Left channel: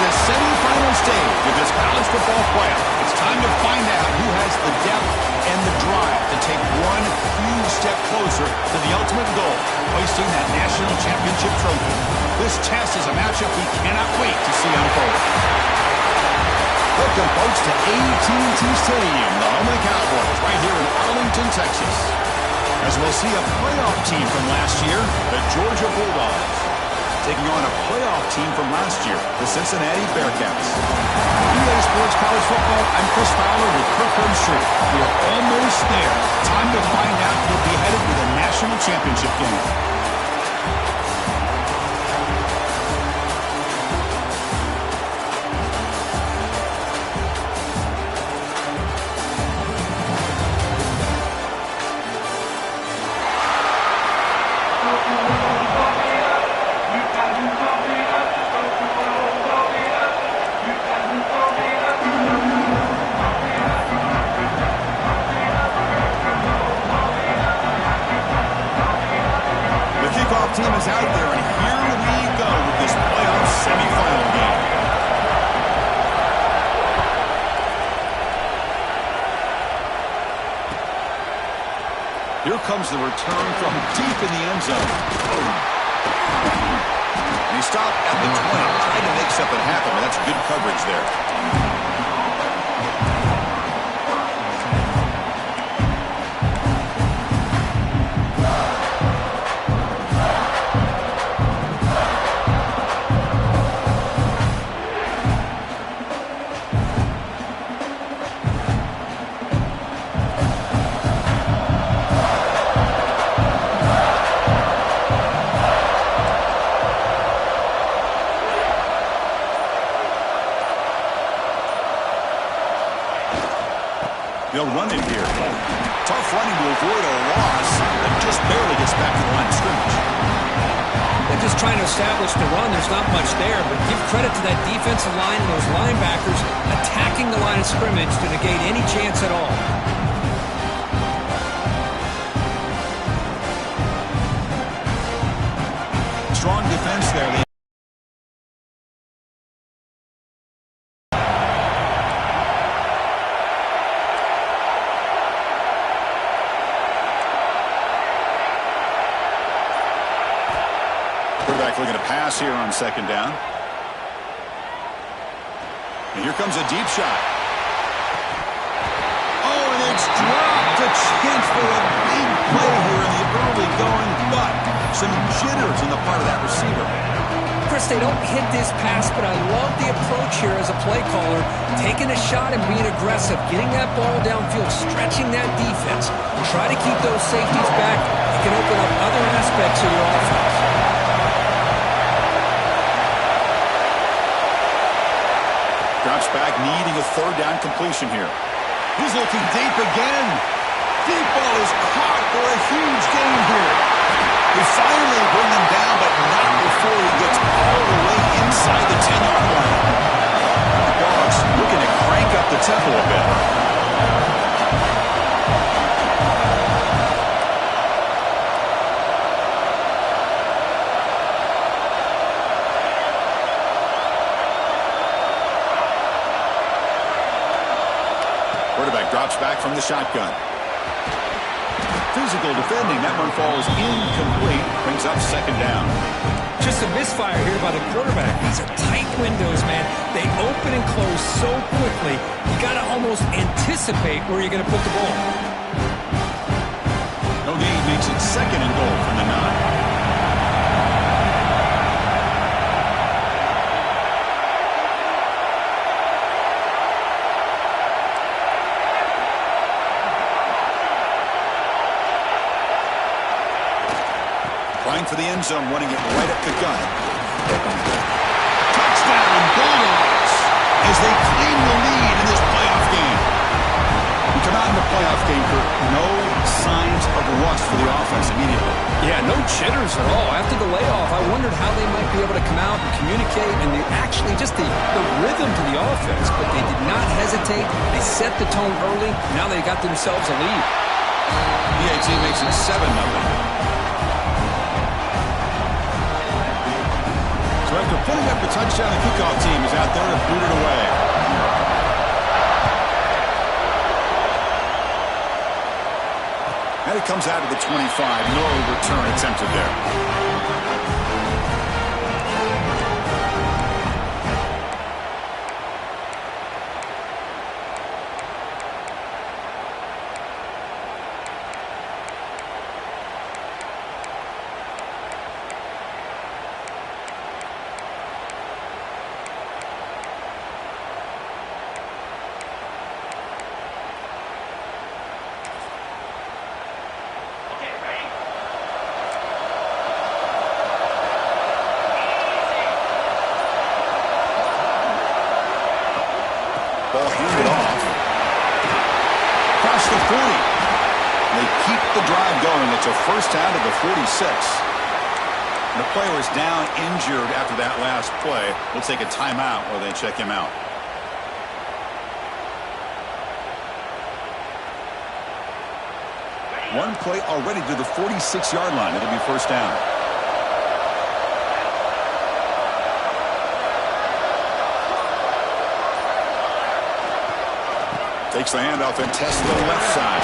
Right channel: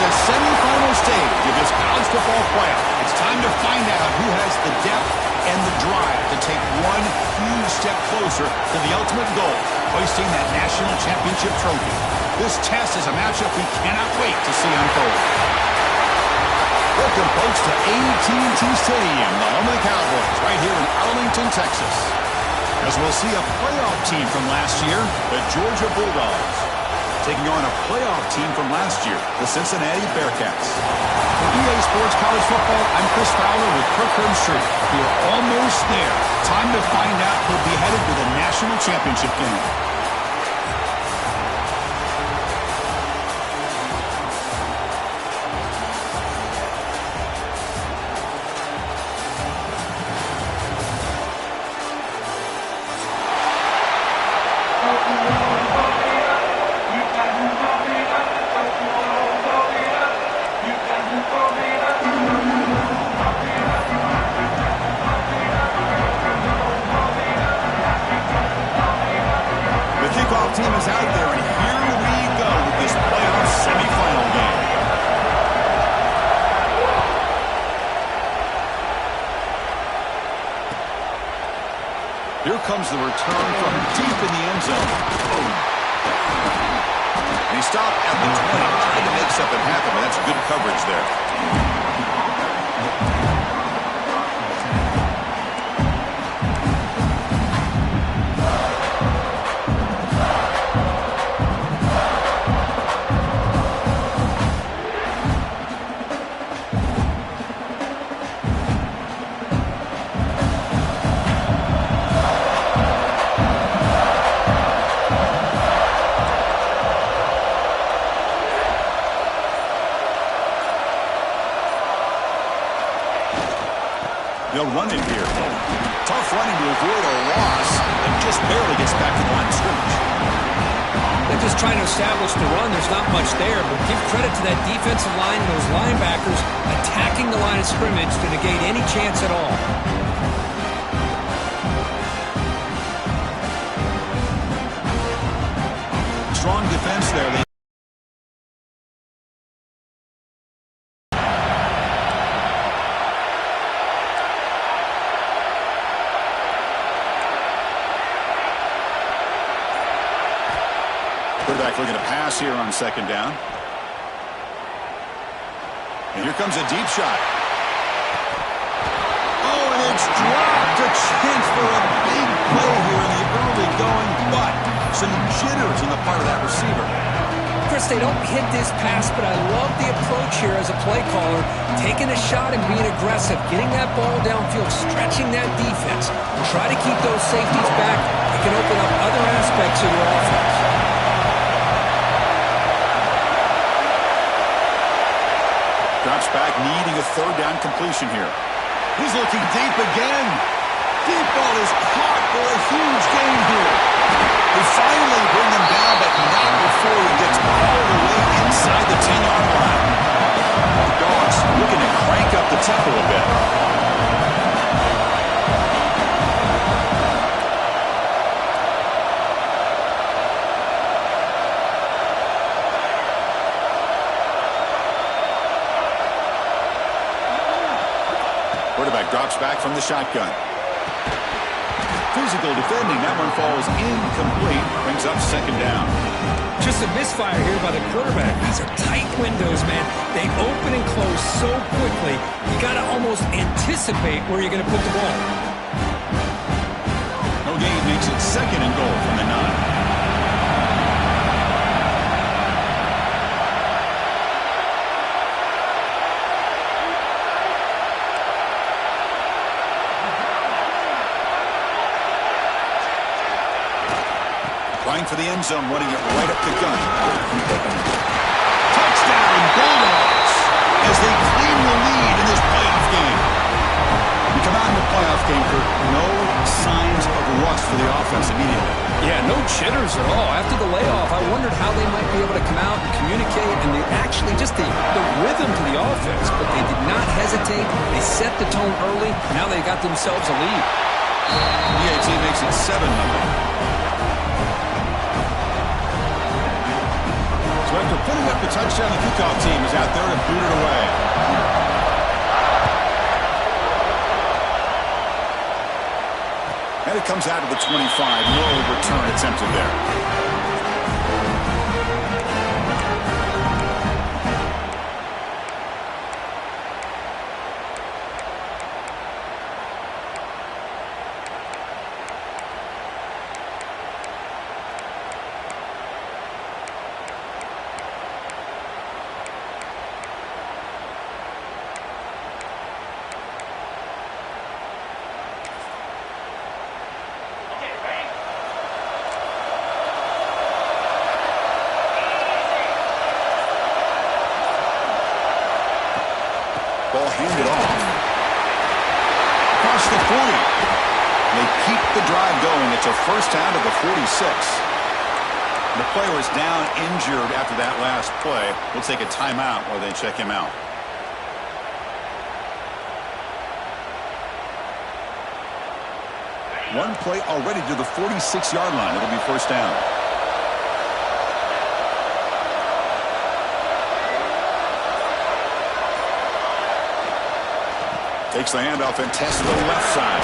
the semifinal stage of this college football playoff. It's time to find out who has the depth and the drive to take one huge step closer to the ultimate goal, hoisting that national championship trophy. This test is a matchup we cannot wait to see unfold. Welcome, folks, to AT&T Stadium, the home of the Cowboys, right here in Arlington, Texas. As we'll see a playoff team from last year, the Georgia Bulldogs, taking on a playoff team from last year, the Cincinnati Bearcats. For EA Sports College Football, I'm Chris Fowler with Kirk Herbstreit. We are almost there. Time to find out who'll be headed to the national championship game. Team is out there, and here we go with this playoff semifinal game. Here comes the return from deep in the end zone. Boom. And he stopped at the 20, trying to make something happen, but that's good coverage there. They'll run it here. Tough running to avoid a loss, and just barely gets back to the line of scrimmage. They're just trying to establish the run. There's not much there, but give credit to that defensive line and those linebackers attacking the line of scrimmage to negate any chance at all. Strong defense there. Quarterback looking to pass here on second down. And here comes a deep shot. Oh, and it's dropped. A chance for a big play here in the early going, but some jitters on the part of that receiver. Chris, they don't hit this pass, but I love the approach here as a play caller. Taking a shot and being aggressive, getting that ball downfield, stretching that defense. Try to keep those safeties back. It can open up other aspects of your offense. Drops back, needing a third down completion here. He's looking deep again. Deep ball is caught for a huge gain here. They finally bring him down, but not before he gets all the way inside the 10-yard line. The Dogs looking to crank up the tempo a bit. Quarterback drops back from the shotgun. Physical defending. That one falls incomplete. Brings up second down. Just a misfire here by the quarterback. These are tight windows, man. They open and close so quickly. You got to almost anticipate where you're going to put the ball. No gain makes it second and goal from the 9. Trying for the end zone, running it right up the gun. Touchdown, Bulldogs, as they claim the lead in this playoff game. You come out in the playoff game, Kurt, no signs of rust for the offense immediately. Yeah, no jitters at all. After the layoff, I wondered how they might be able to come out and communicate, and actually just the rhythm to the offense. But they did not hesitate. They set the tone early. Now they got themselves a lead. EAT makes it 7-0. So after putting up the touchdown, the kickoff team is out there to boot it away. And it comes out of the 25. No return attempted there. Ball handed off. Across the 40. They keep the drive going. It's a first down to the 46. The player is down injured after that last play. We'll take a timeout while they check him out. One play already to the 46-yard line. It'll be first down. Takes the handoff and tests the left side.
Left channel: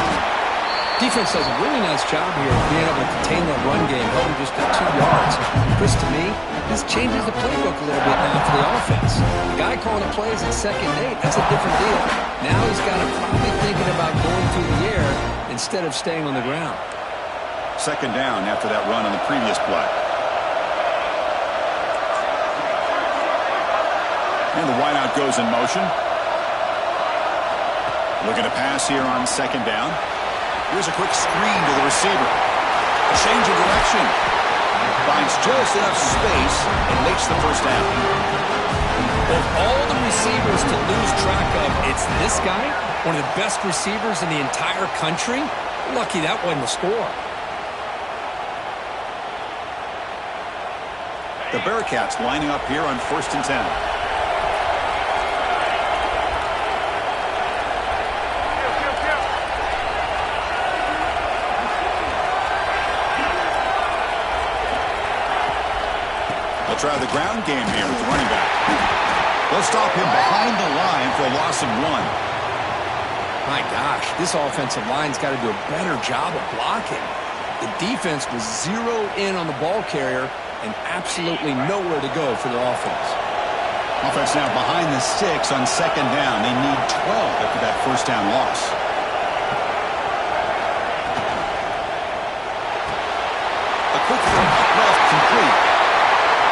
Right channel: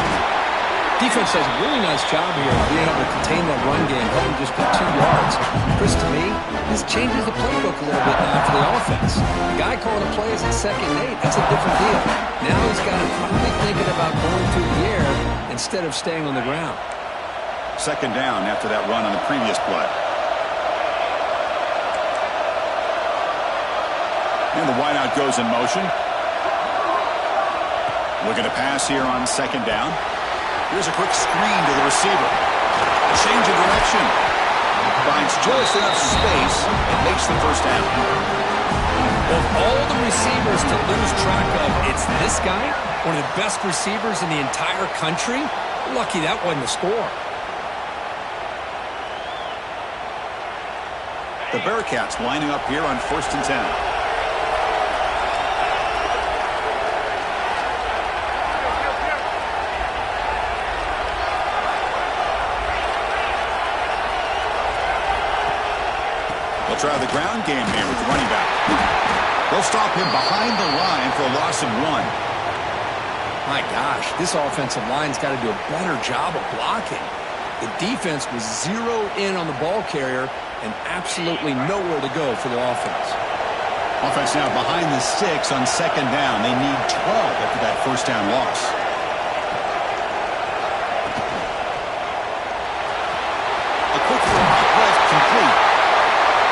Defense does a really nice job here of being able to contain that run game, held just at 2 yards. Chris, to me, this changes the playbook a little bit now for the offense. The guy calling the plays at 2nd and 8, that's a different deal. Now he's got him probably thinking about going through the air instead of staying on the ground. 2nd down after that run on the previous play. And the wideout goes in motion. Looking to pass here on 2nd down. Here's a quick screen to the receiver. A change of direction. Finds just enough space and makes the first down. Of all the receivers to lose track of, it's this guy, one of the best receivers in the entire country. Lucky that wasn't a score. The Bearcats lining up here on 1st and 10. They'll try the ground game here with the running back. They'll stop him behind the line for a loss of 1. My gosh, this offensive line's got to do a better job of blocking. The defense was zeroed in on the ball carrier and absolutely nowhere to go for the offense. Offense now behind the 6 on 2nd down. They need 12 after that first down loss. A quick throw out left complete.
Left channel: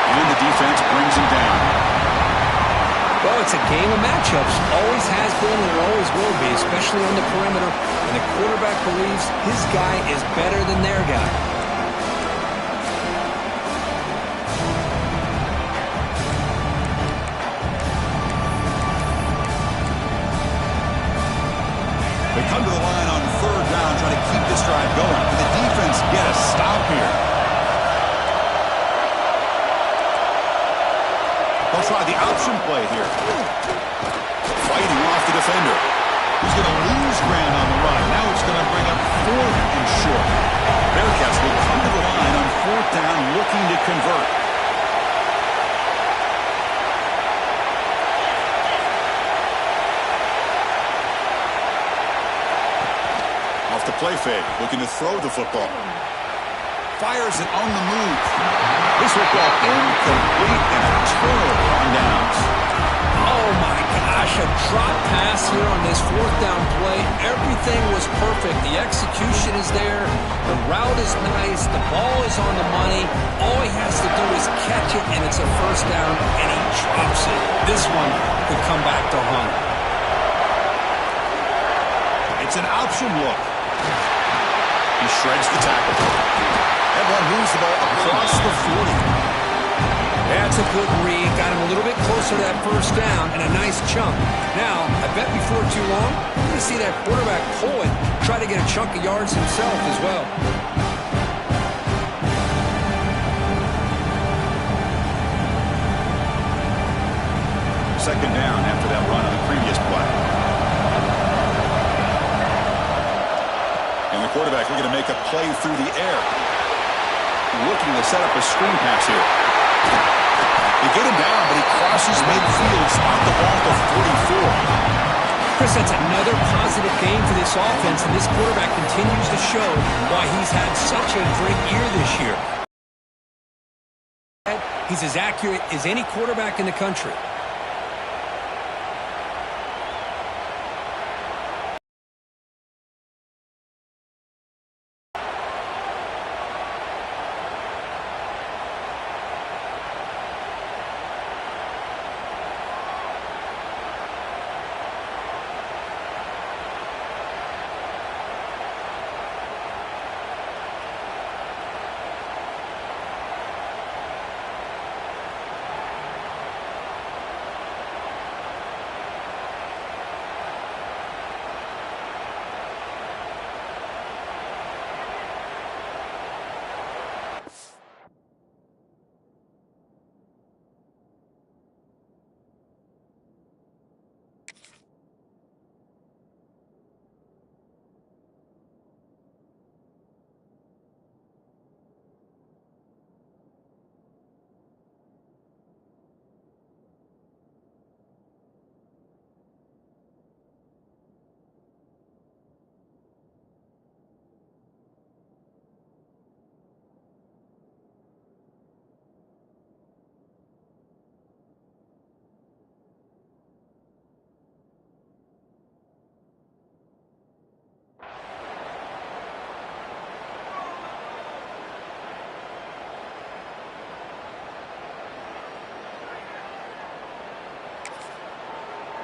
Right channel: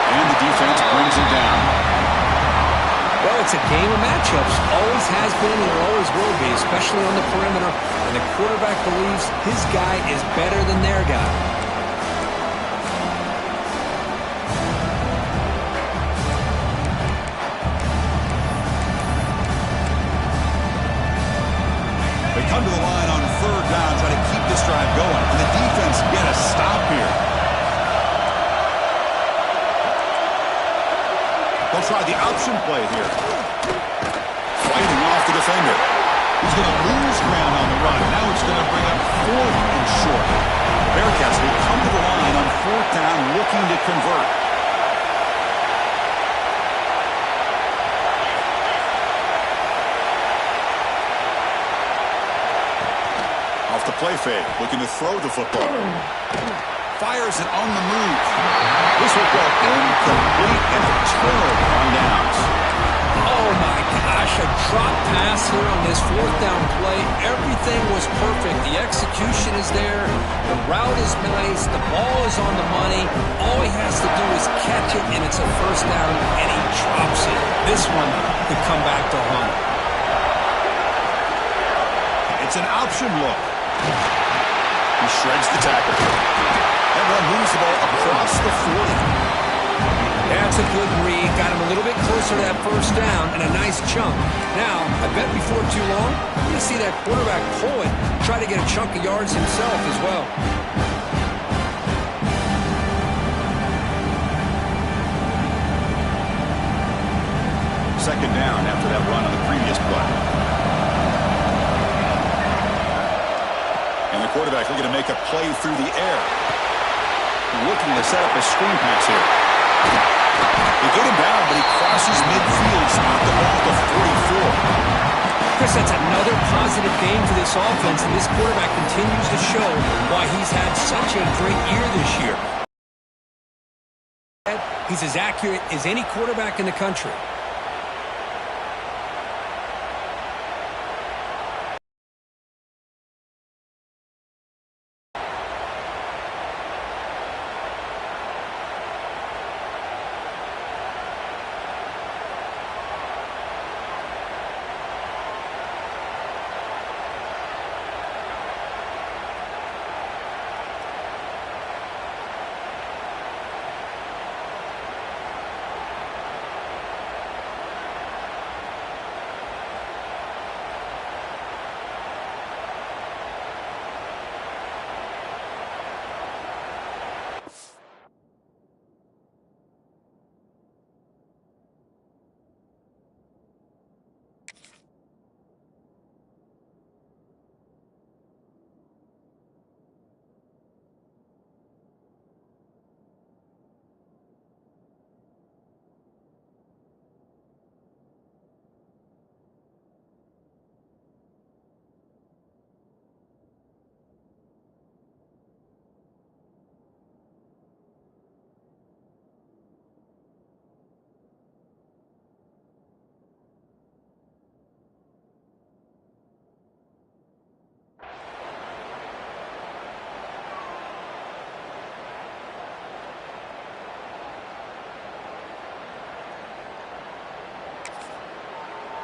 And the defense brings him down. Well, it's a game of matchups. Always has been and it always will be, especially on the perimeter. And the quarterback believes his guy is better than their guy. They come to the line on 3rd down, trying to keep this drive going. Can the defense get a stop here? They'll try the option play here. Fighting off the defender. He's going to lose ground on the run. Now it's going to bring up 4th and short. Bearcats will come to the line on 4th down, looking to convert. Off the play fake, looking to throw the football. Fires it on the move. This football incomplete and a turnover on downs. Oh my gosh, a drop pass here on this 4th down play. Everything was perfect. The execution is there. The route is nice. The ball is on the money. All he has to do is catch it, and it's a first down, and he drops it. This one could come back to haunt him. It's an option look. He shreds the tackle. Everyone moves the ball across the 40. That's a good read. Got him a little bit closer to that first down and a nice chunk. Now, I bet before too long, we're going to see that quarterback pull it, try to get a chunk of yards himself as well. Second down after that run on the previous play. And the quarterback looking to make a play through the air. Looking to set up a screen pass here. They get him down, but he crosses midfield, spot the ball to 44. Chris, that's another positive game for this offense, and this quarterback continues to show why he's had such a great year this year. He's as accurate as any quarterback in the country.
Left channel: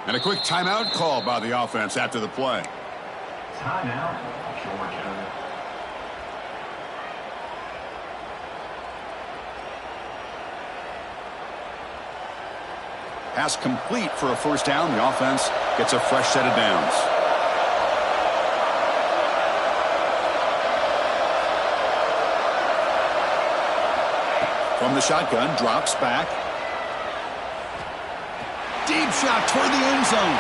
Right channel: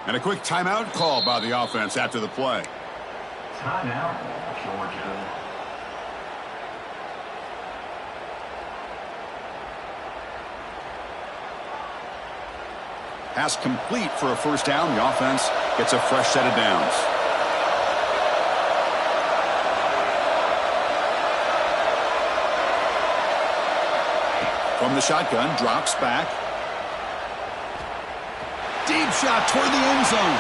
And a quick timeout call by the offense after the play. Timeout, Georgia. Pass complete for a first down. The offense gets a fresh set of downs. From the shotgun, drops back. Deep shot toward the end zone.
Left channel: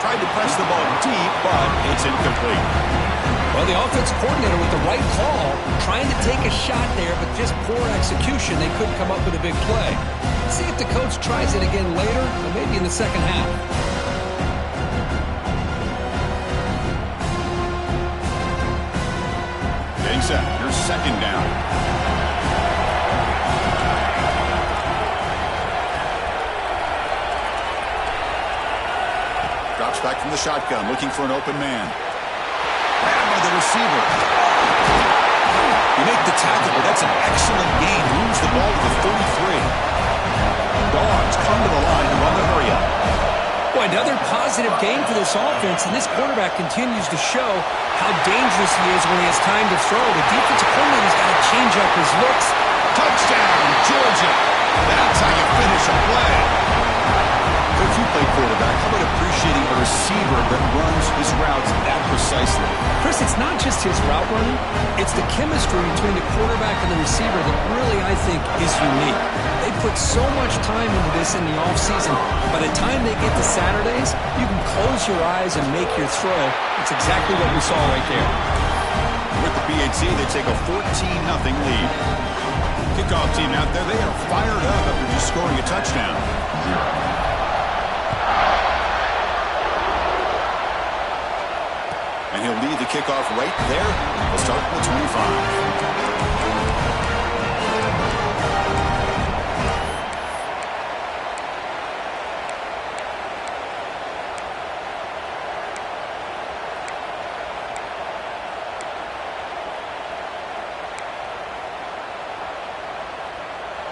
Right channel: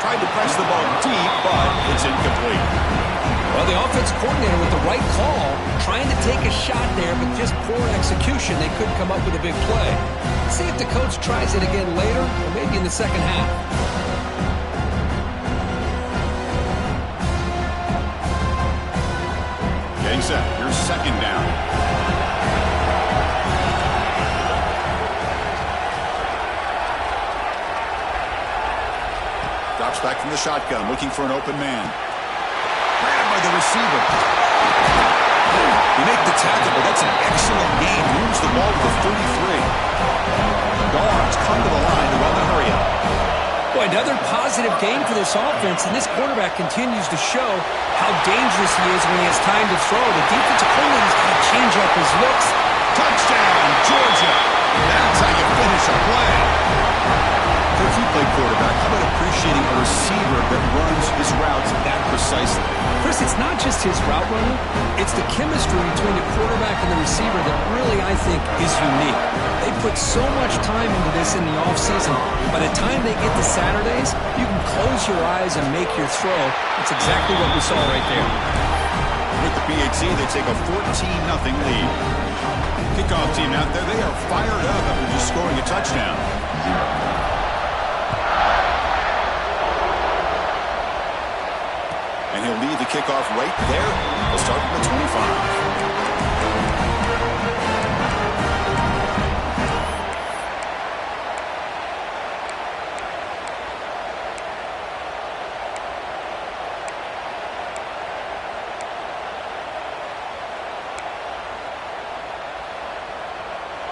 Tried to press the ball deep, but it's incomplete. Well, the offense coordinator with the right call, trying to take a shot there, but just poor execution. They couldn't come up with a big play. Let's see if the coach tries it again later, or maybe in the second half. Getting set. Here's second down. Drops back from the shotgun, looking for an open man. Grabbed by the receiver. You make the tackle, but that's an excellent gain. Moves the ball to the 33. Dogs come to the line to run the hurry up. Boy, another positive game for this offense, and this quarterback continues to show how dangerous he is when he has time to throw. The defensive coordinator's got to change up his looks. Touchdown, Georgia. That's how you finish a play. Coach, you play quarterback. How about appreciating a receiver that runs his routes that precisely? Chris, it's not just his route running. It's the chemistry between the quarterback and the receiver that really, I think, is unique. They put so much time into this in the offseason. By the time they get to Saturdays, you can close your eyes and make your throw. That's exactly what we saw right there. With the PAT, they take a 14-0 lead. Kickoff team out there, they are fired up after just scoring a touchdown. And he'll lead the kickoff right there. He'll start from the 25.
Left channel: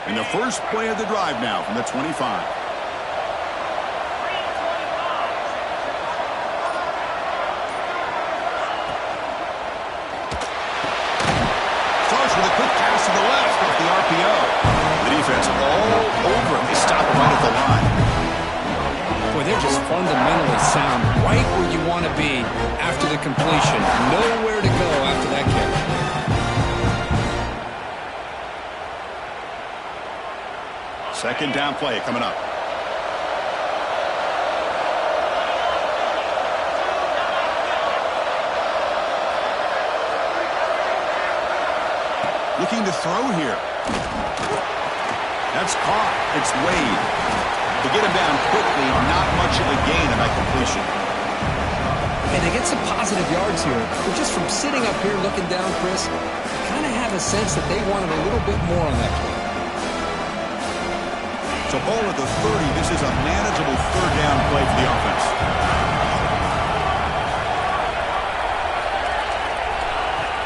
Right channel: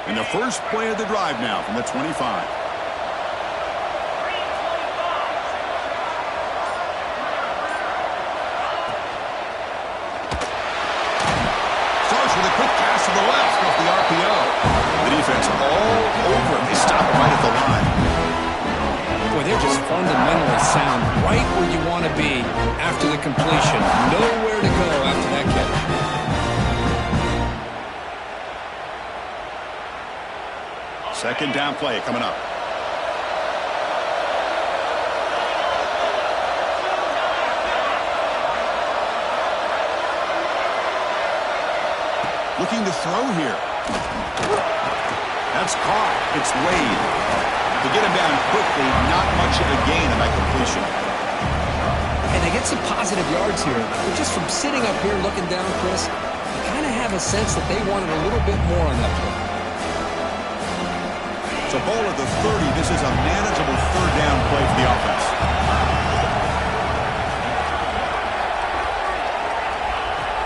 And the first play of the drive now from the 25. With a quick pass to the left off the RPO. The defense all over him. They stop him right at the line. Boy, they're just fundamentally sound, right where you want to be after the completion. Nowhere to go after that catch. Second down play coming up. Looking to throw here. That's caught. It's Wade. To get him down quickly, not much of a gain on that completion. And they get some positive yards here. But just from sitting up here looking down, Chris, you kind of have a sense that they wanted a little bit more on that play. So ball at the 30. This is a manageable third down play for the offense.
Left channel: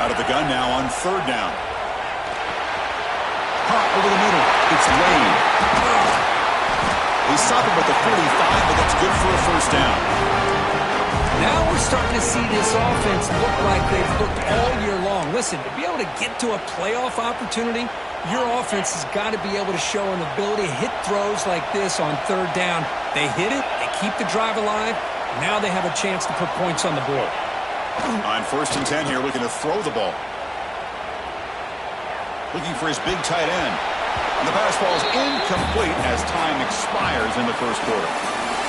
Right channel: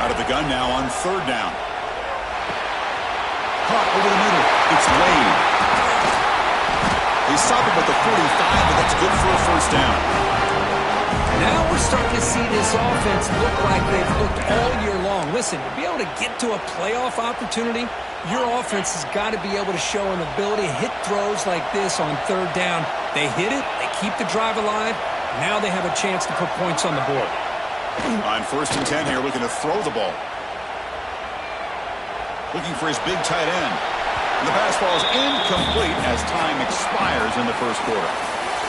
Out of the gun now on third down. Caught over the middle. It's Wade. He's stopping at the 45, but that's good for a first down. Now we're starting to see this offense look like they've looked all year long. Listen, to be able to get to a playoff opportunity, your offense has got to be able to show an ability to hit throws like this on third down. They hit it, they keep the drive alive, now they have a chance to put points on the board. On 1st and 10 here, looking to throw the ball. Looking for his big tight end. And the pass falls incomplete as time expires in the first quarter.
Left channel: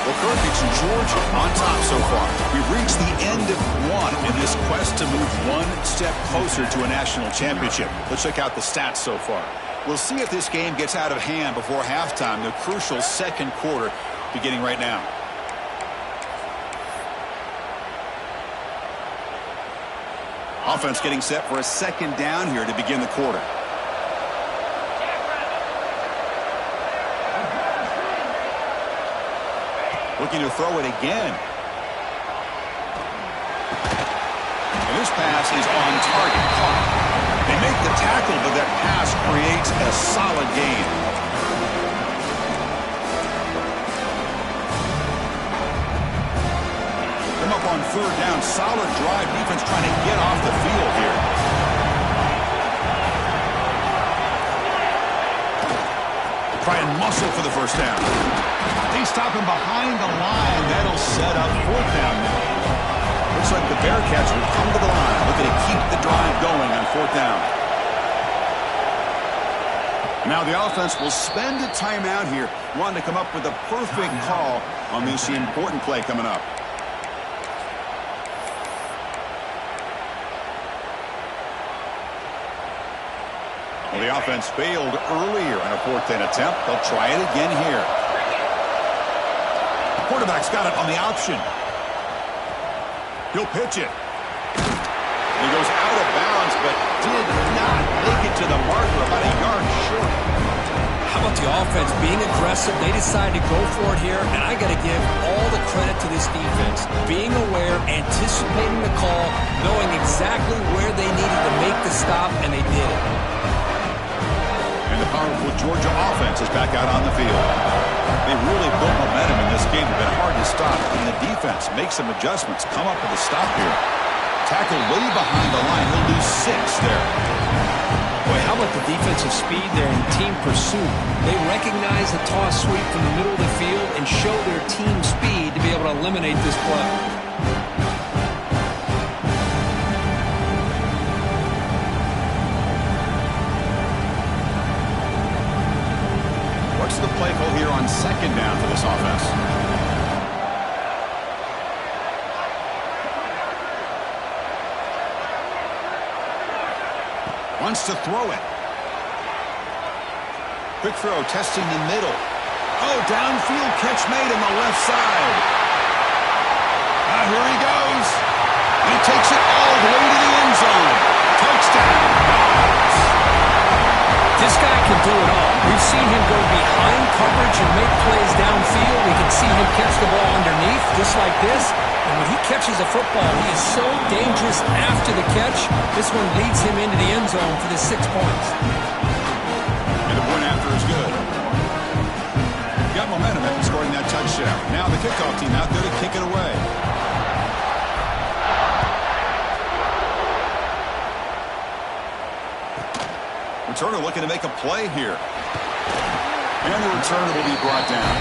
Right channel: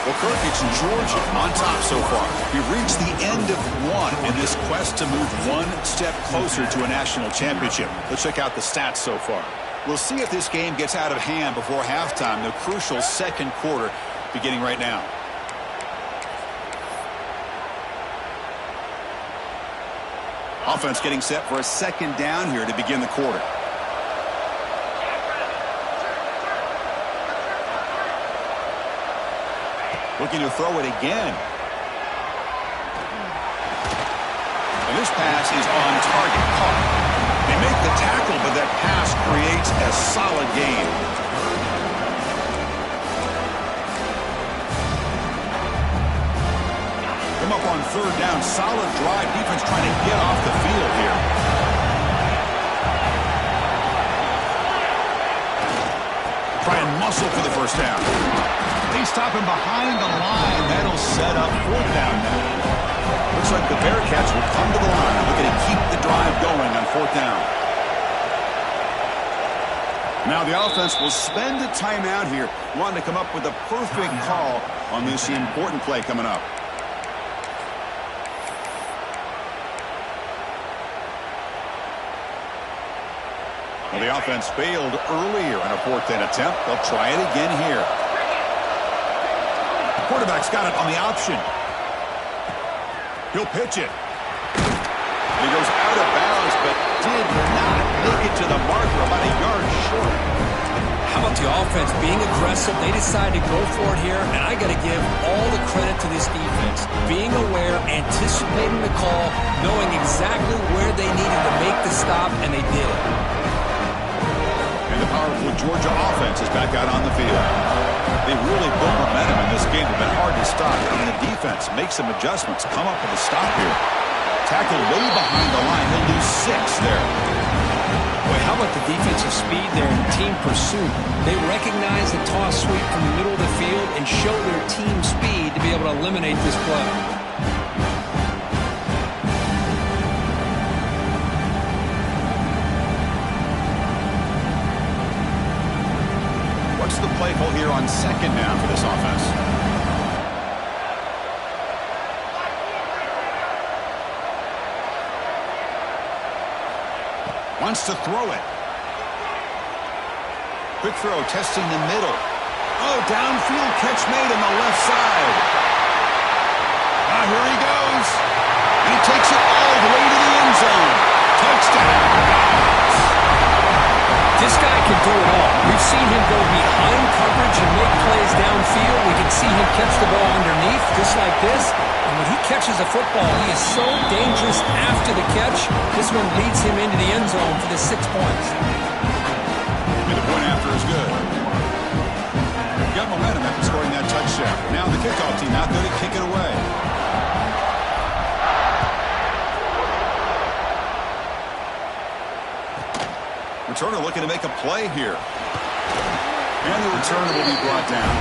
Well, Kirk, it's Georgia on top so far. We've reached the end of one in this quest to move one step closer to a national championship. Let's check out the stats so far. We'll see if this game gets out of hand before halftime, the crucial second quarter beginning right now. Offense getting set for a second down here to begin the quarter. Looking to throw it again. And this pass is on target. Caught. They make the tackle, but that pass creates a solid gain. Come up on third down. Solid drive. Defense trying to get off the field here. Try and muscle for the first down. They stop him behind the line. That'll set up fourth down now. Looks like the Bearcats will come to the line, looking to keep the drive going on fourth down. Now the offense will spend a timeout here, wanting to come up with a perfect call on this important play coming up. Well, the offense failed earlier in a fourth down attempt. They'll try it again here. Quarterback's got it on the option. He'll pitch it. And he goes out of bounds, but did not make it to the marker, about a yard short. How about the offense being aggressive? They decided to go for it here, and I got to give all the credit to this defense. Being aware, anticipating the call, knowing exactly where they needed to make the stop, and they did it. And the powerful Georgia offense is back out on the field. They really built momentum in this game. They've been hard to stop. And the defense makes some adjustments. Come up with a stop here. Tackle way behind the line. He'll lose 6 there. Boy, how about the defensive speed there in team pursuit? They recognize the toss sweep from the middle of the field and show their team speed to be able to eliminate this play. What's the play call here on second down for this offense? Wants to throw it. Quick throw, testing the middle. Oh, downfield catch made on the left side. Here he goes. And he takes it all the way to the end zone. Touchdown, Dogs. This guy can do it all. We've seen him go behind coverage and make plays downfield. We can see him catch the ball underneath, just like this. And when he catches a football, he is so dangerous after the catch. This one leads him into the end zone for the 6 points. And the point after is good. Got momentum after scoring that touchdown. Now the kickoff team out there to kick it away. Returner looking to make a play here. And the returner will be brought down.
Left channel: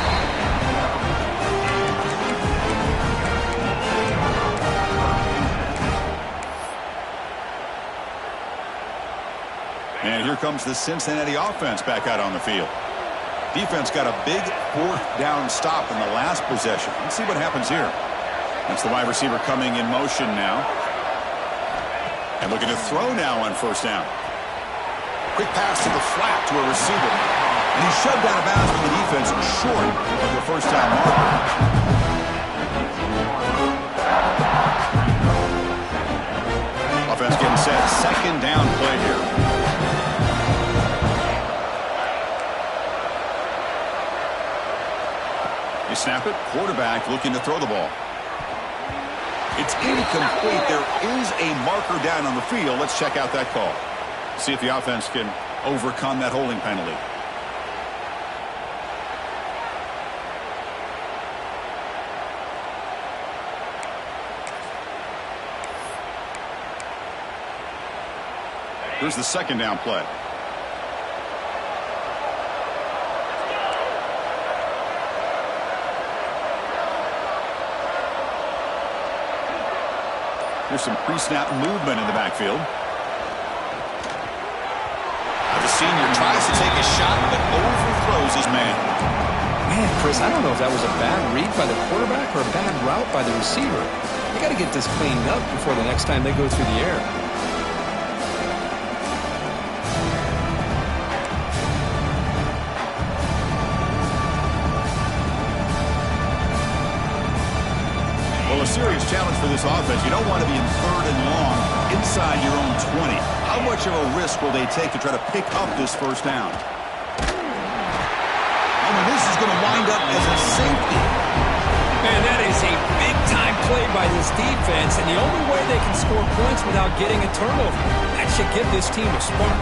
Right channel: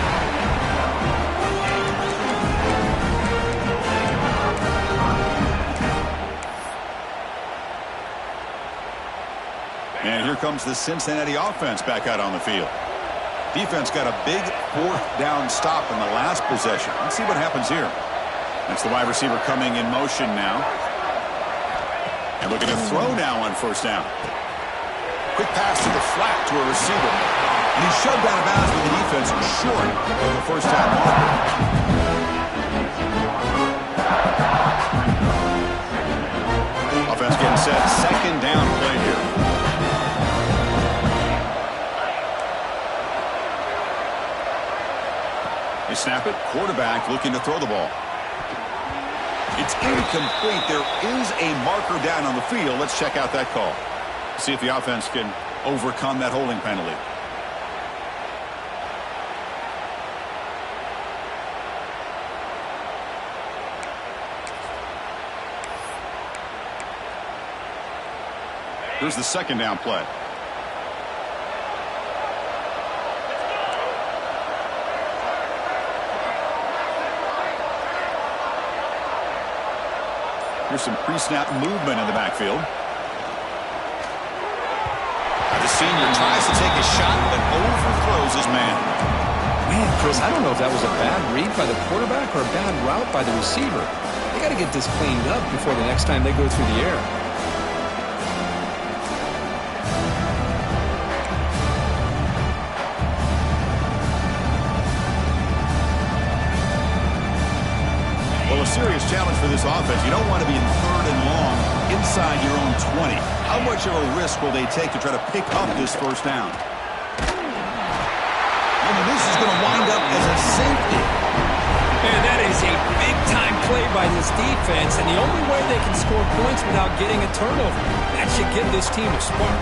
And here comes the Cincinnati offense back out on the field. Defense got a big fourth down stop in the last possession. Let's see what happens here. That's the wide receiver coming in motion now. And looking to throw now on first down. Quick pass to the flat to a receiver. And he's shoved out of bounds with the defense short of the first down marker. Offense getting set. Second down play here. They snap it. Quarterback looking to throw the ball. It's incomplete. There is a marker down on the field. Let's check out that call. See if the offense can overcome that holding penalty. Here's the second down play. Here's some pre-snap movement in the backfield. The senior tries to take a shot, but overthrows his man. Man, Chris, I don't know if that was a bad read by the quarterback or a bad route by the receiver. They got to get this cleaned up before the next time they go through the air. Well, a serious challenge for this offense. You don't want to be in third and long inside your own 20. How much of a risk will they take to try to pick up this first down? Oh, and this is going to wind up as a safety. Man, that is a big-time play by this defense, and the only way they can score points without getting a turnover. That should give this team a spark.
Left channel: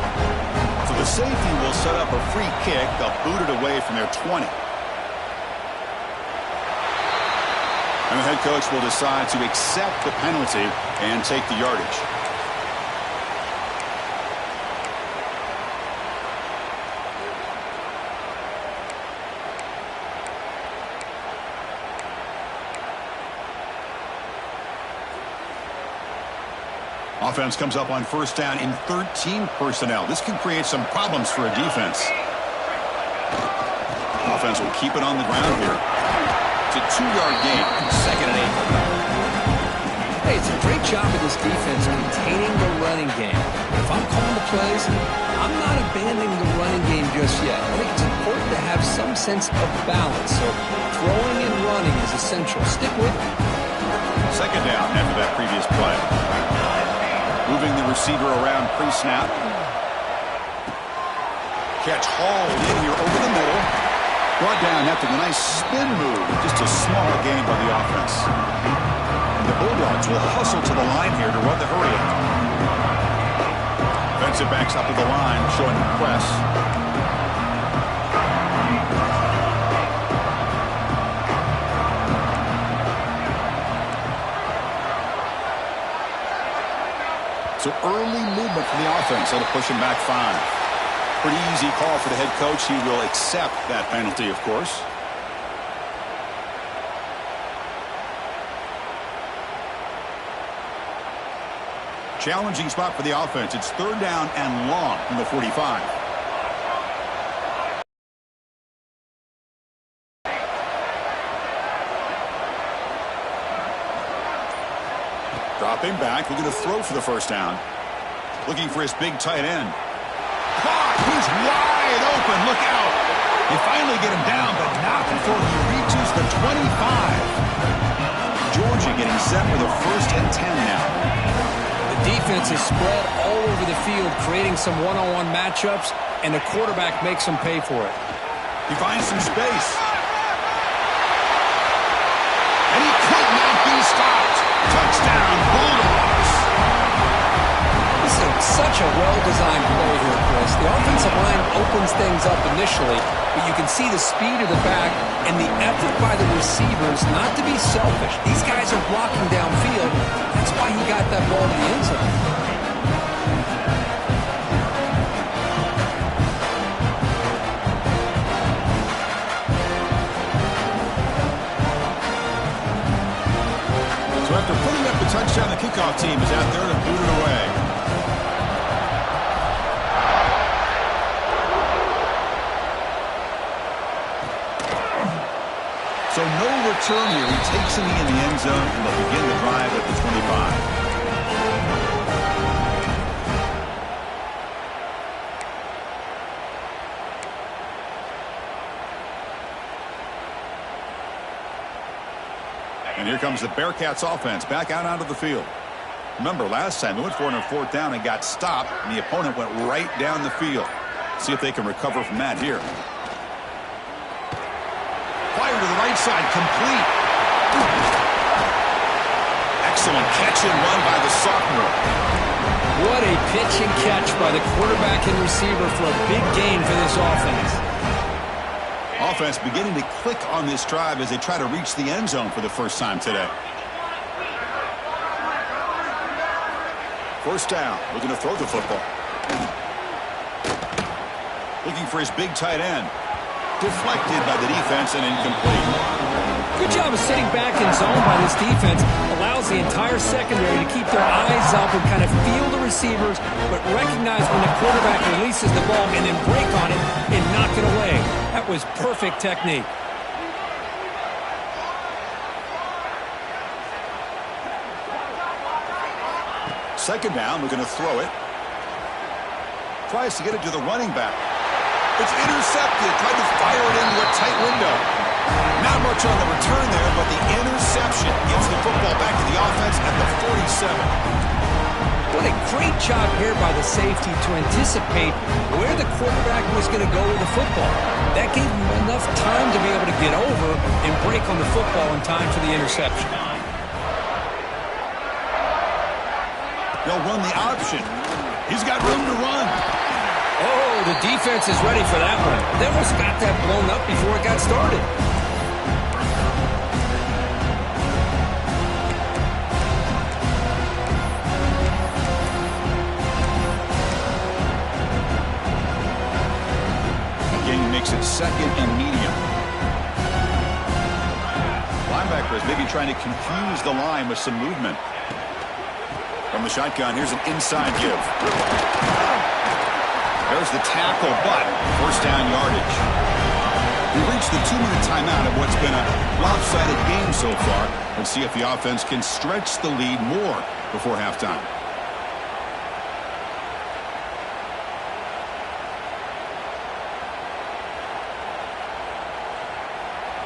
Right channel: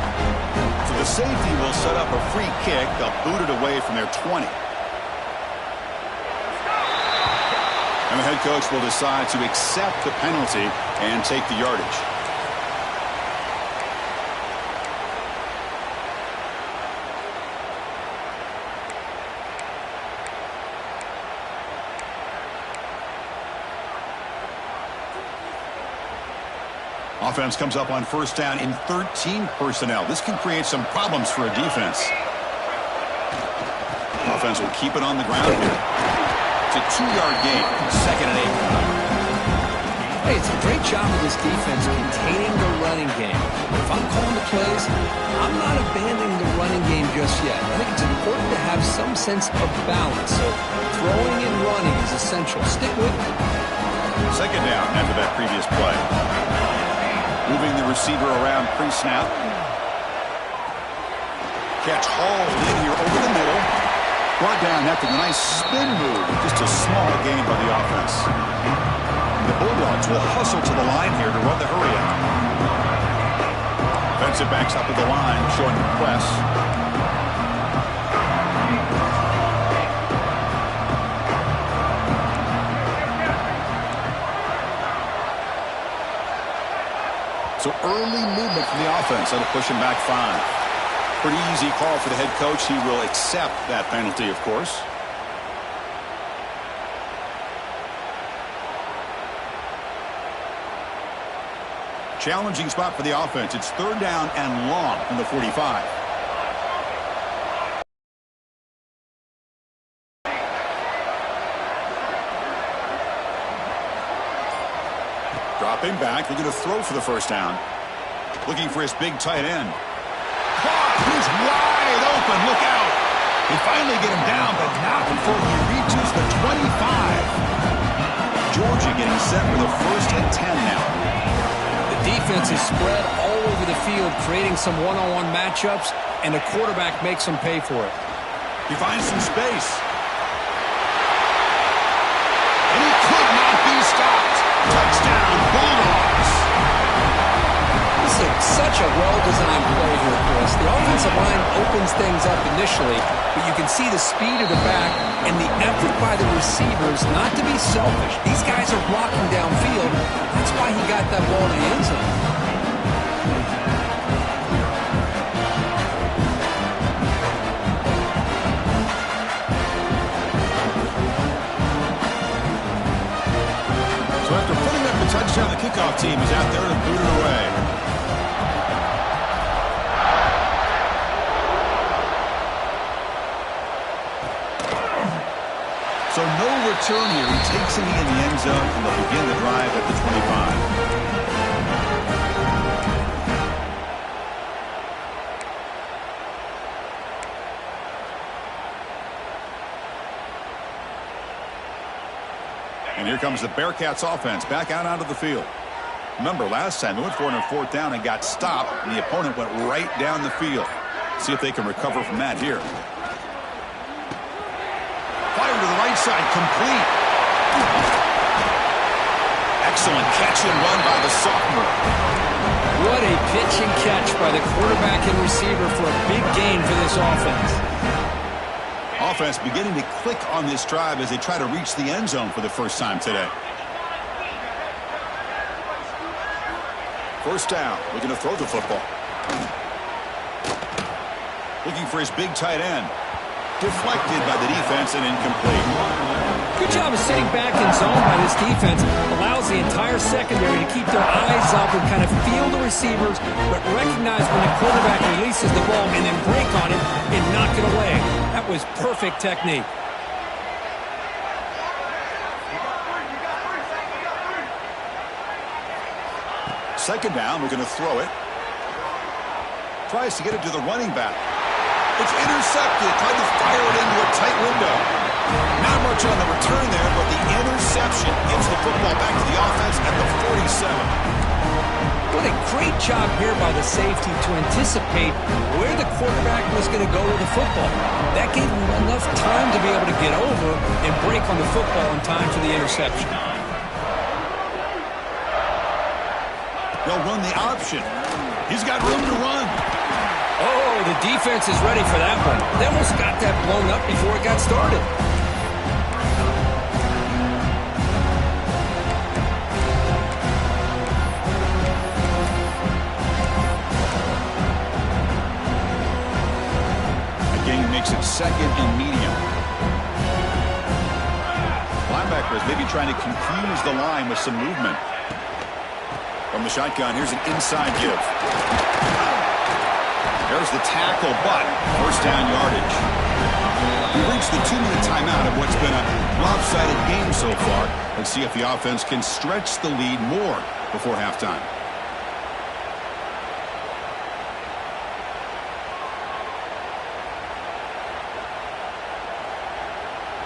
So the safety will set up a free kick. They'll boot it away from their 20. And the head coach will decide to accept the penalty and take the yardage. Offense comes up on first down in 13 personnel. This can create some problems for a defense. Offense will keep it on the ground here. It's a 2-yard gain, second and 8. Hey, it's a great job of this defense containing the running game. But if I'm calling the plays, I'm not abandoning the running game just yet. I think it's important to have some sense of balance. So throwing and running is essential. Stick with it. Second down after that previous play. Moving the receiver around pre-snap. Catch hauled in here over the middle. Brought down after the nice spin move. Just a small gain by the offense. The Bulldogs will hustle to the line here to run the hurry up. Defensive backs up at the line, showing the press. So early movement from the offense. That'll push him back 5. Pretty easy call for the head coach. He will accept that penalty, of course. Challenging spot for the offense. It's third down and long from the 45. Dropping back, looking to throw for the first down. Looking for his big tight end. Caught! He's wide open. Look out! They finally get him down, but not before he reaches the 25. Georgia getting set for the first and 10 now. The defense is spread all over the field, creating some one-on-one matchups, and the quarterback makes them pay for it. He finds some space. And he could not be stopped. Touchdown, Bulldogs. This is such a well-designed play here, Chris. The offensive line opens things up initially, but you can see the speed of the back and the effort by the receivers not to be selfish. These guys are blocking downfield. That's why he got that ball to the end zone. So after putting up the touchdown, the kickoff team is out there to boot it away. So no return here. He takes him in the end zone, and they'll begin the drive at the 25. And here comes the Bearcats offense back out onto the field. Remember, last time they went for it on 4th down and got stopped, and the opponent went right down the field. See if they can recover from that here. Fire to the right side, complete. Excellent catch and run by the sophomore. What a pitch and catch by the quarterback and receiver for a big gain for this offense. Offense beginning to click on this drive as they try to reach the end zone for the first time today. 1st down, looking to throw the football. Looking for his big tight end. Deflected by the defense and incomplete. Good job of sitting back in zone by this defense. Allows the entire secondary to keep their eyes up and kind of feel the receivers, but recognize when the quarterback releases the ball and then break on it and knock it away. That was perfect technique. Second down, we're going to throw it. Tries to get it to the running back. It's intercepted. Tried to fire it into a tight window. Not much on the return there, but the interception gives the football back to the offense at the 47. What a great job here by the safety to anticipate where the quarterback was going to go with the football. That gave him enough time to be able to get over and break on the football in time for the interception. They'll run the option. He's got room to run. Oh, the defense is ready for that one. They almost got that blown up before it got started. Again, makes it 2nd and medium. Linebacker is maybe trying to confuse the line with some movement. From the shotgun, here's an inside give. There's the tackle, but 1st down yardage. We reached the 2-minute timeout of what's been a lopsided game so far. Let's see if the offense can stretch the lead more before halftime.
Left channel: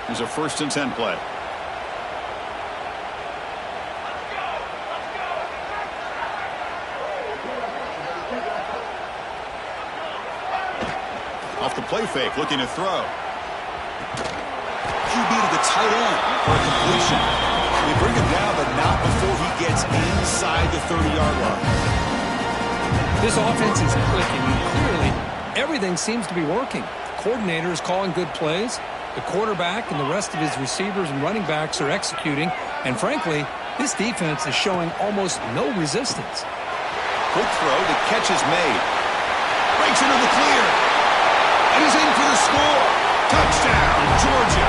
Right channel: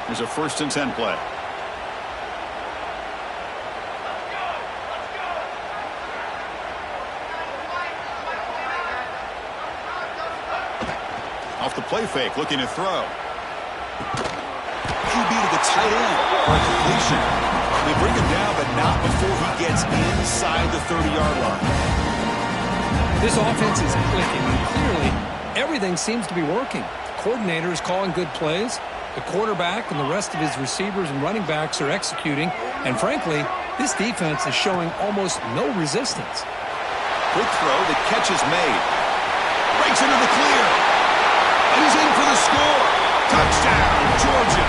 Here's a 1st and 10 play. Off the play fake, looking to throw. QB to the tight end for a completion. They bring him down, but not before he gets inside the 30-yard line. This offense is clicking, and clearly everything seems to be working. The coordinator is calling good plays. The quarterback and the rest of his receivers and running backs are executing. And frankly, this defense is showing almost no resistance. Quick throw, the catch is made. Breaks into the clear. And he's in for the score. Touchdown, Georgia.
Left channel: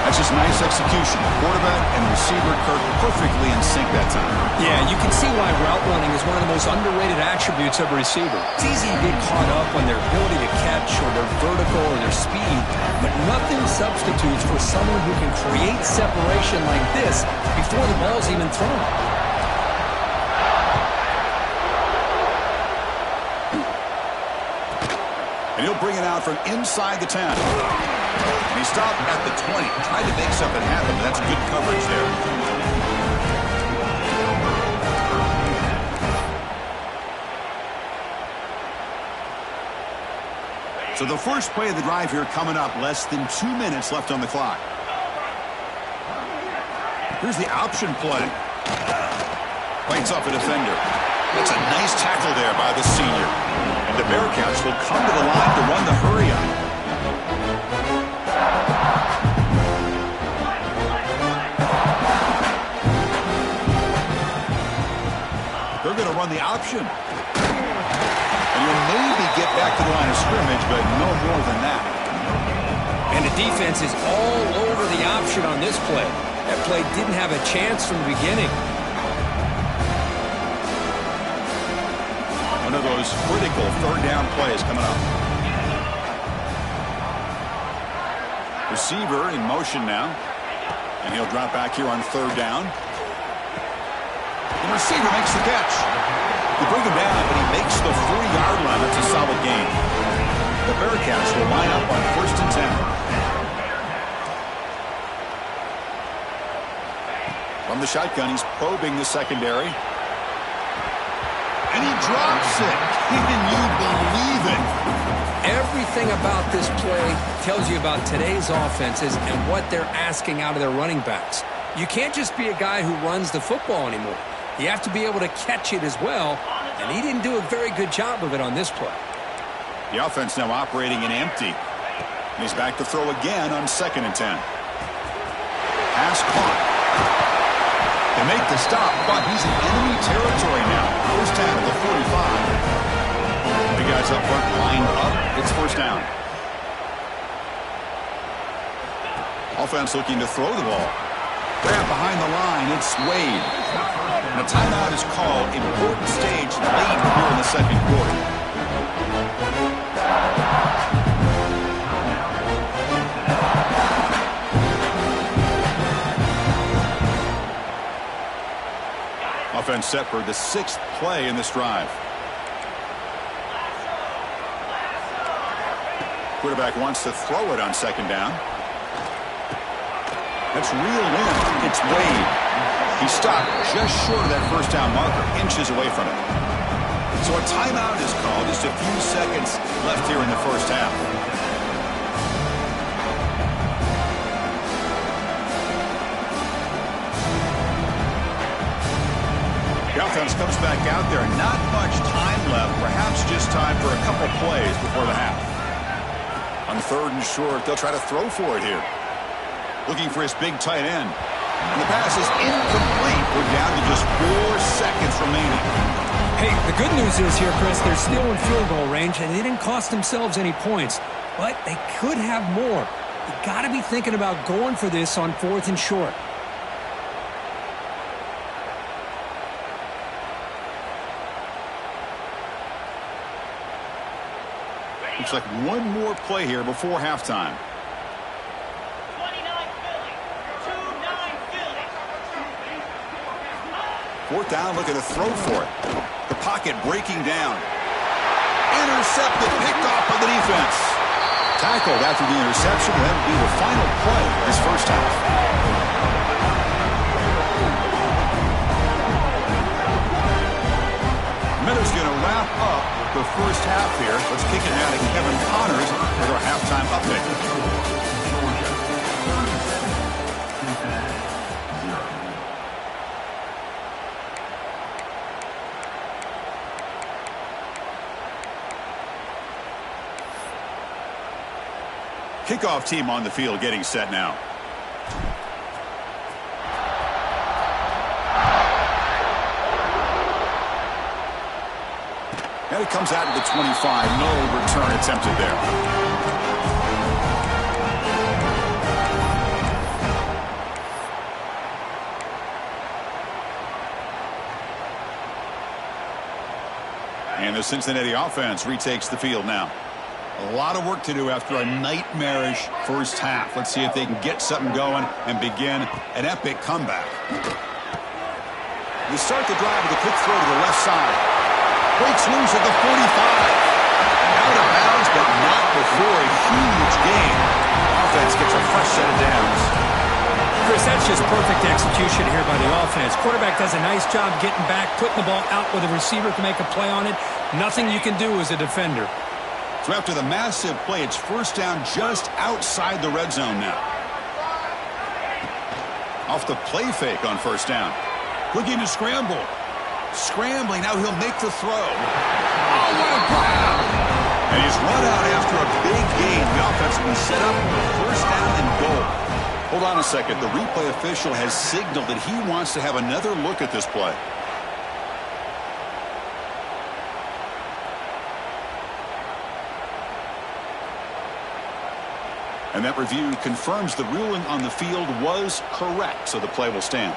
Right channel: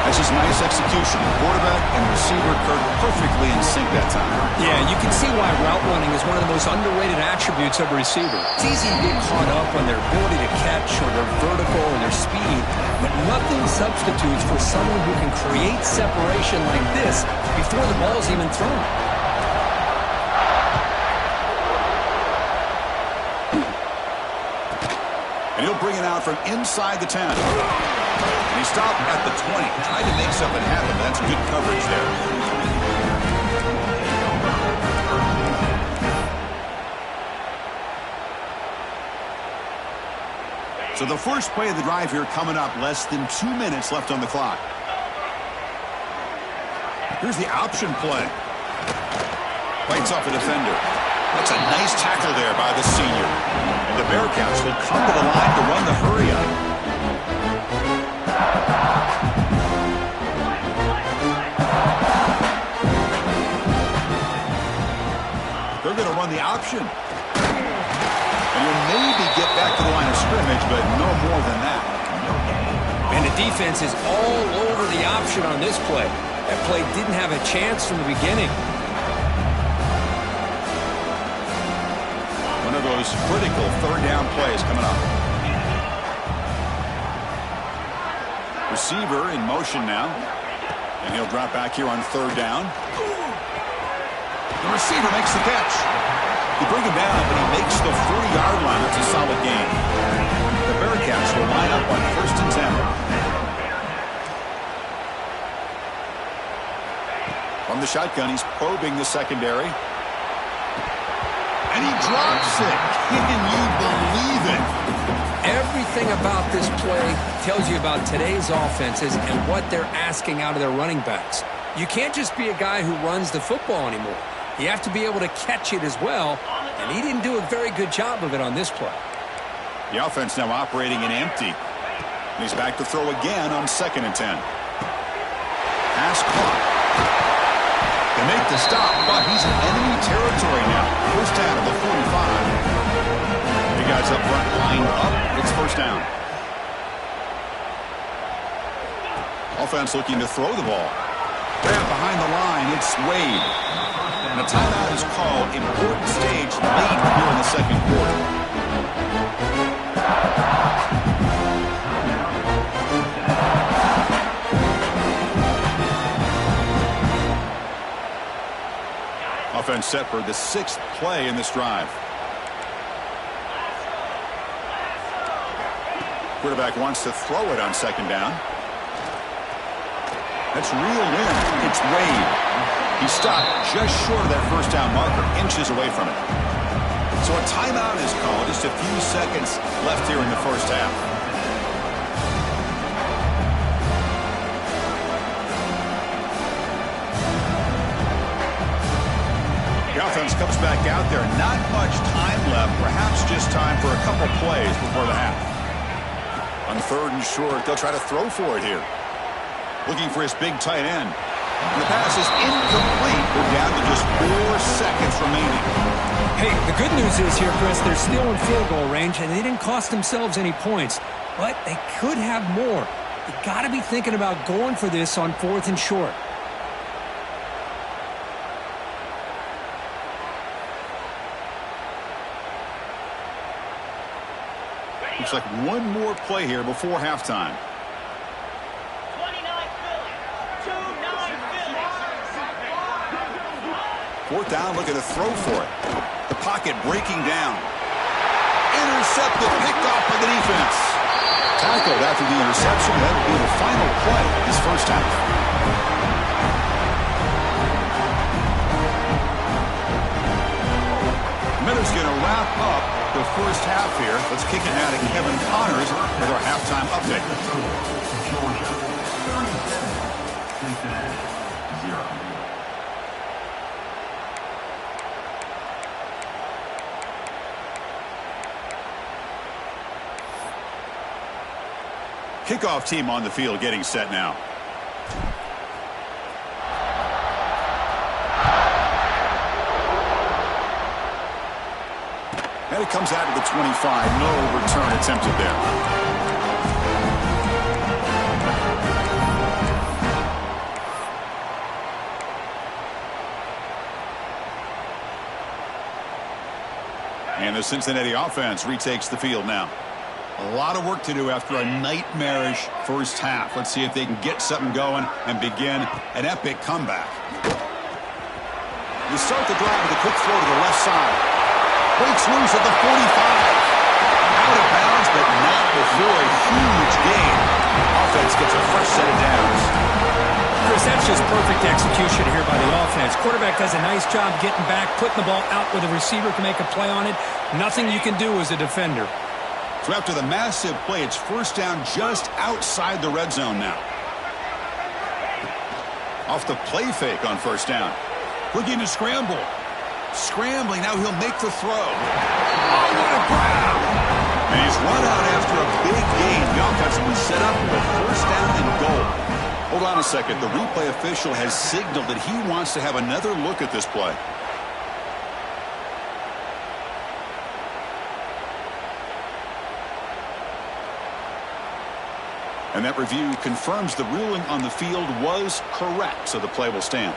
That's just nice execution. Quarterback and receiver Kirk perfectly in sync that time. Yeah, you can see why route running is one of the most underrated attributes of a receiver. It's easy to get caught up on their ability to catch or their vertical or their speed, but nothing substitutes for someone who can create separation like this before the ball's even thrown. And he'll bring it out from inside the 10. And he stopped at the 20. Tried to make something happen, but that's good coverage there. So the first play of the drive here coming up. Less than 2 minutes left on the clock. Here's the option play. Fights off a defender. That's a nice tackle there by the senior. And the Bearcats will come to the line to run the hurry on. They're going to run the option. And you'll maybe get back to the line of scrimmage, but no more than that. And the defense is all over the option on this play. That play didn't have a chance from the beginning. One of those critical third down plays coming up. Receiver in motion now. And he'll drop back here on 3rd down. The receiver makes the catch. You bring him down, but he makes the 3-yard line. That's a solid gain. The Bearcats will line up on 1st and 10. From the shotgun, he's probing the secondary. And he drops it. Can you believe it? Everything about this play tells you about today's offenses and what they're asking out of their running backs. You can't just be a guy who runs the football anymore. You have to be able to catch it as well, and he didn't do a very good job of it on this play. The offense now operating in empty. And he's back to throw again on 2nd and 10. Pass caught. They make the stop, but he's in enemy territory now. First down at the 45. The guys up front lined up. It's first down. Offense looking to throw the ball. Grab behind the line. It's Wade. And a timeout is called. Important stage late here in the second quarter. Offense set for the 6th play in this drive. Quarterback wants to throw it on 2nd down. That's reeled in. It's Wade. He stopped just short of that first down marker, inches away from it. So a timeout is called. Just a few seconds left here in the first half. The offense comes back out there. Not much time left. Perhaps just time for a couple plays before the half. On 3rd and short, they'll try to throw for it here. Looking for his big tight end. And the pass is incomplete. We're down to just 4 seconds remaining. Hey, the good news is here, Chris, they're still in field goal range, and they didn't cost themselves any points. But they could have more. You got to be thinking about going for this on 4th and short. Looks like one more play here before halftime. 29 Philly. 2-9 Philly. 4th down, looking to throw for it. The pocket breaking down. Intercepted, picked off by the defense. Tackled after the interception. That would be the final play this first half. Miller's going to wrap up the first half here. Let's kick it now to Kevin Connors with our halftime update. Georgia 37, Cincinnati 0. Kickoff team on the field getting set now. And it comes out of the 25. No return attempted there. And the Cincinnati offense retakes the field now. A lot of work to do after a nightmarish first half. Let's see if they can get something going and begin an epic comeback. You start the drive with a quick throw to the left side. Breaks loose at the 45. Out of bounds, but not before a huge gain. Offense gets a fresh set of downs. Chris, that's just perfect execution here by the offense. Quarterback does a nice job getting back, putting the ball out where the receiver can make a play on it. Nothing you can do as a defender. So after the massive play, it's first down just outside the red zone now. Off the play fake on first down. Looking to scramble. Scrambling, now he'll make the throw. Oh, what a grab! And he's run out after a big gain. The offense will be set up with a first down and goal. Hold on a second. The replay official has signaled that he wants to have another look at this play. And that review confirms the ruling on the field was correct, so the play will stand.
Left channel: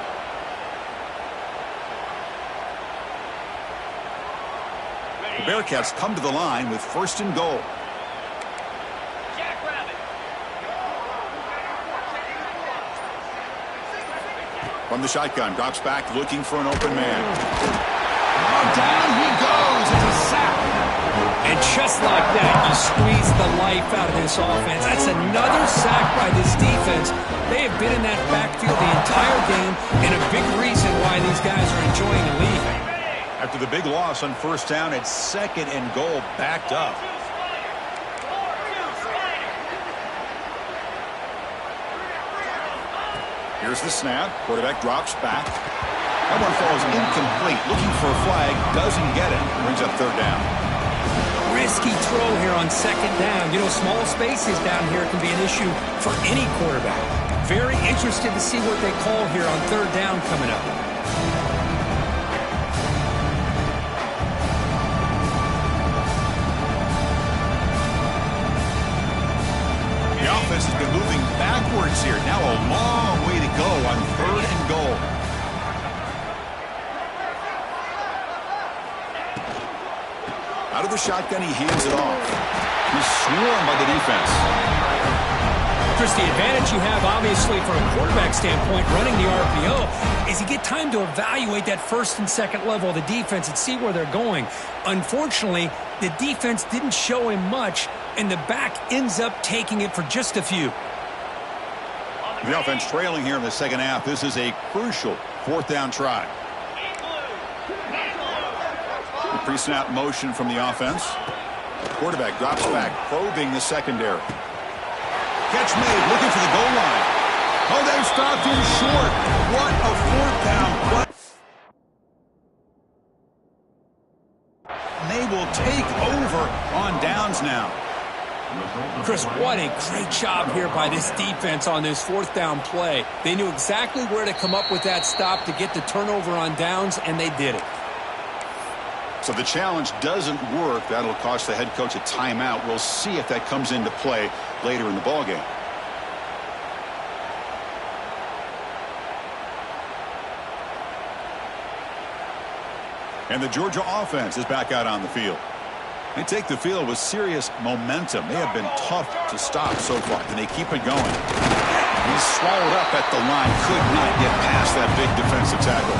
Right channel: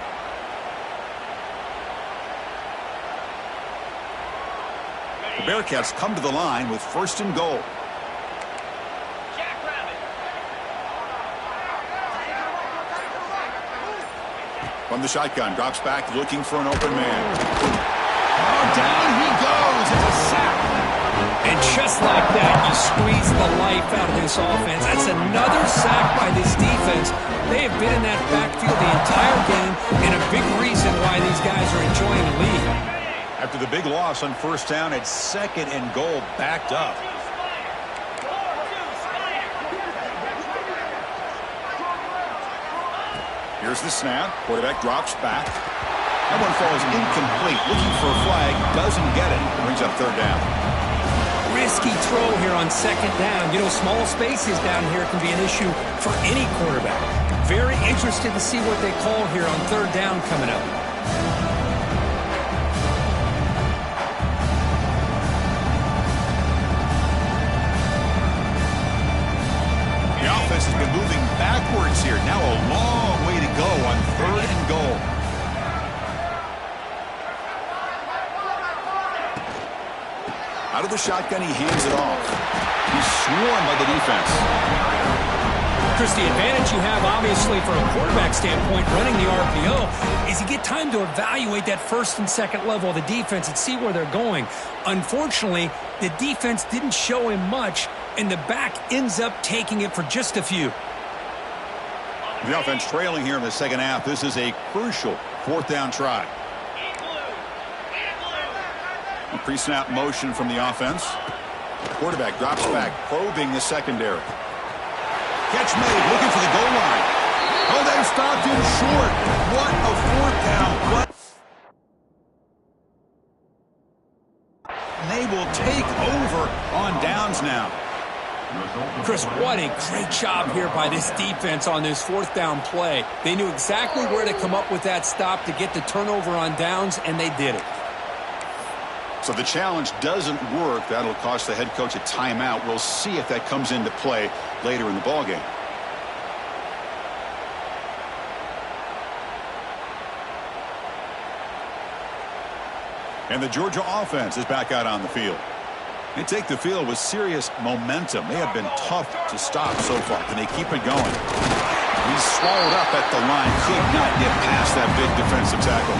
The Bearcats come to the line with 1st and goal. Jackrabbit. From the shotgun, drops back looking for an open man. Oh, down he goes. It's a sack. And just like that, you squeeze the life out of this offense. That's another sack by this defense. They have been in that backfield the entire game, and a big reason why these guys are enjoying the lead. After the big loss on first down, it's 2nd and goal, backed up. Here's the snap. Quarterback drops back. That one falls incomplete. Looking for a flag. Doesn't get it. Brings up 3rd down. Risky throw here on 2nd down. You know, small spaces down here can be an issue for any quarterback. Very interested to see what they call here on 3rd down coming up. The offense has been moving backwards here. Now a long way to go on 3rd and goal. Out of the shotgun, he hands it off. He's swarmed by the defense. Chris, the advantage you have, obviously, from a quarterback standpoint, running the RPO, is you get time to evaluate that 1st and 2nd level of the defense and see where they're going. Unfortunately, the defense didn't show him much, and the back ends up taking it for just a few. The offense trailing here in the 2nd half. This is a crucial 4th down try. The pre-snap motion from the offense. Quarterback drops back, probing the secondary. Catch made, looking for the goal line. Oh, they've stopped him short. What a 4th down play. They will take over on downs now. Chris, what a great job here by this defense on this 4th down play. They knew exactly where to come up with that stop to get the turnover on downs, and they did it. So the challenge doesn't work. That'll cost the head coach a timeout. We'll see if that comes into play later in the ballgame. And the Georgia offense is back out on the field. They take the field with serious momentum. They have been tough to stop so far. Can they keep it going? He's swallowed up at the line. Could not get past that big defensive tackle.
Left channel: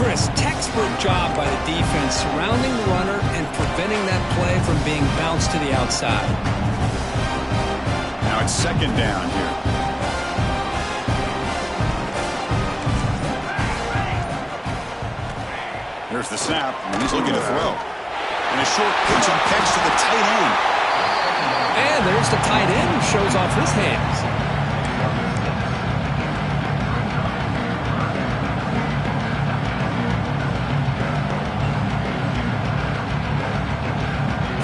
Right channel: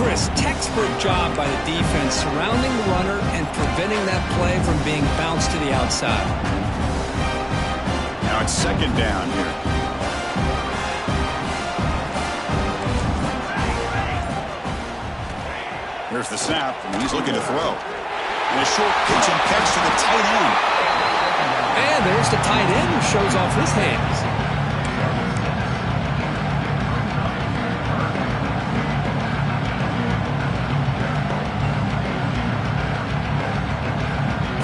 Chris, textbook job by the defense surrounding the runner and preventing that play from being bounced to the outside. Now it's 2nd down here. Here's the snap, and he's looking to throw. And a short pitch and catch to the tight end. And there's the tight end who shows off his hands.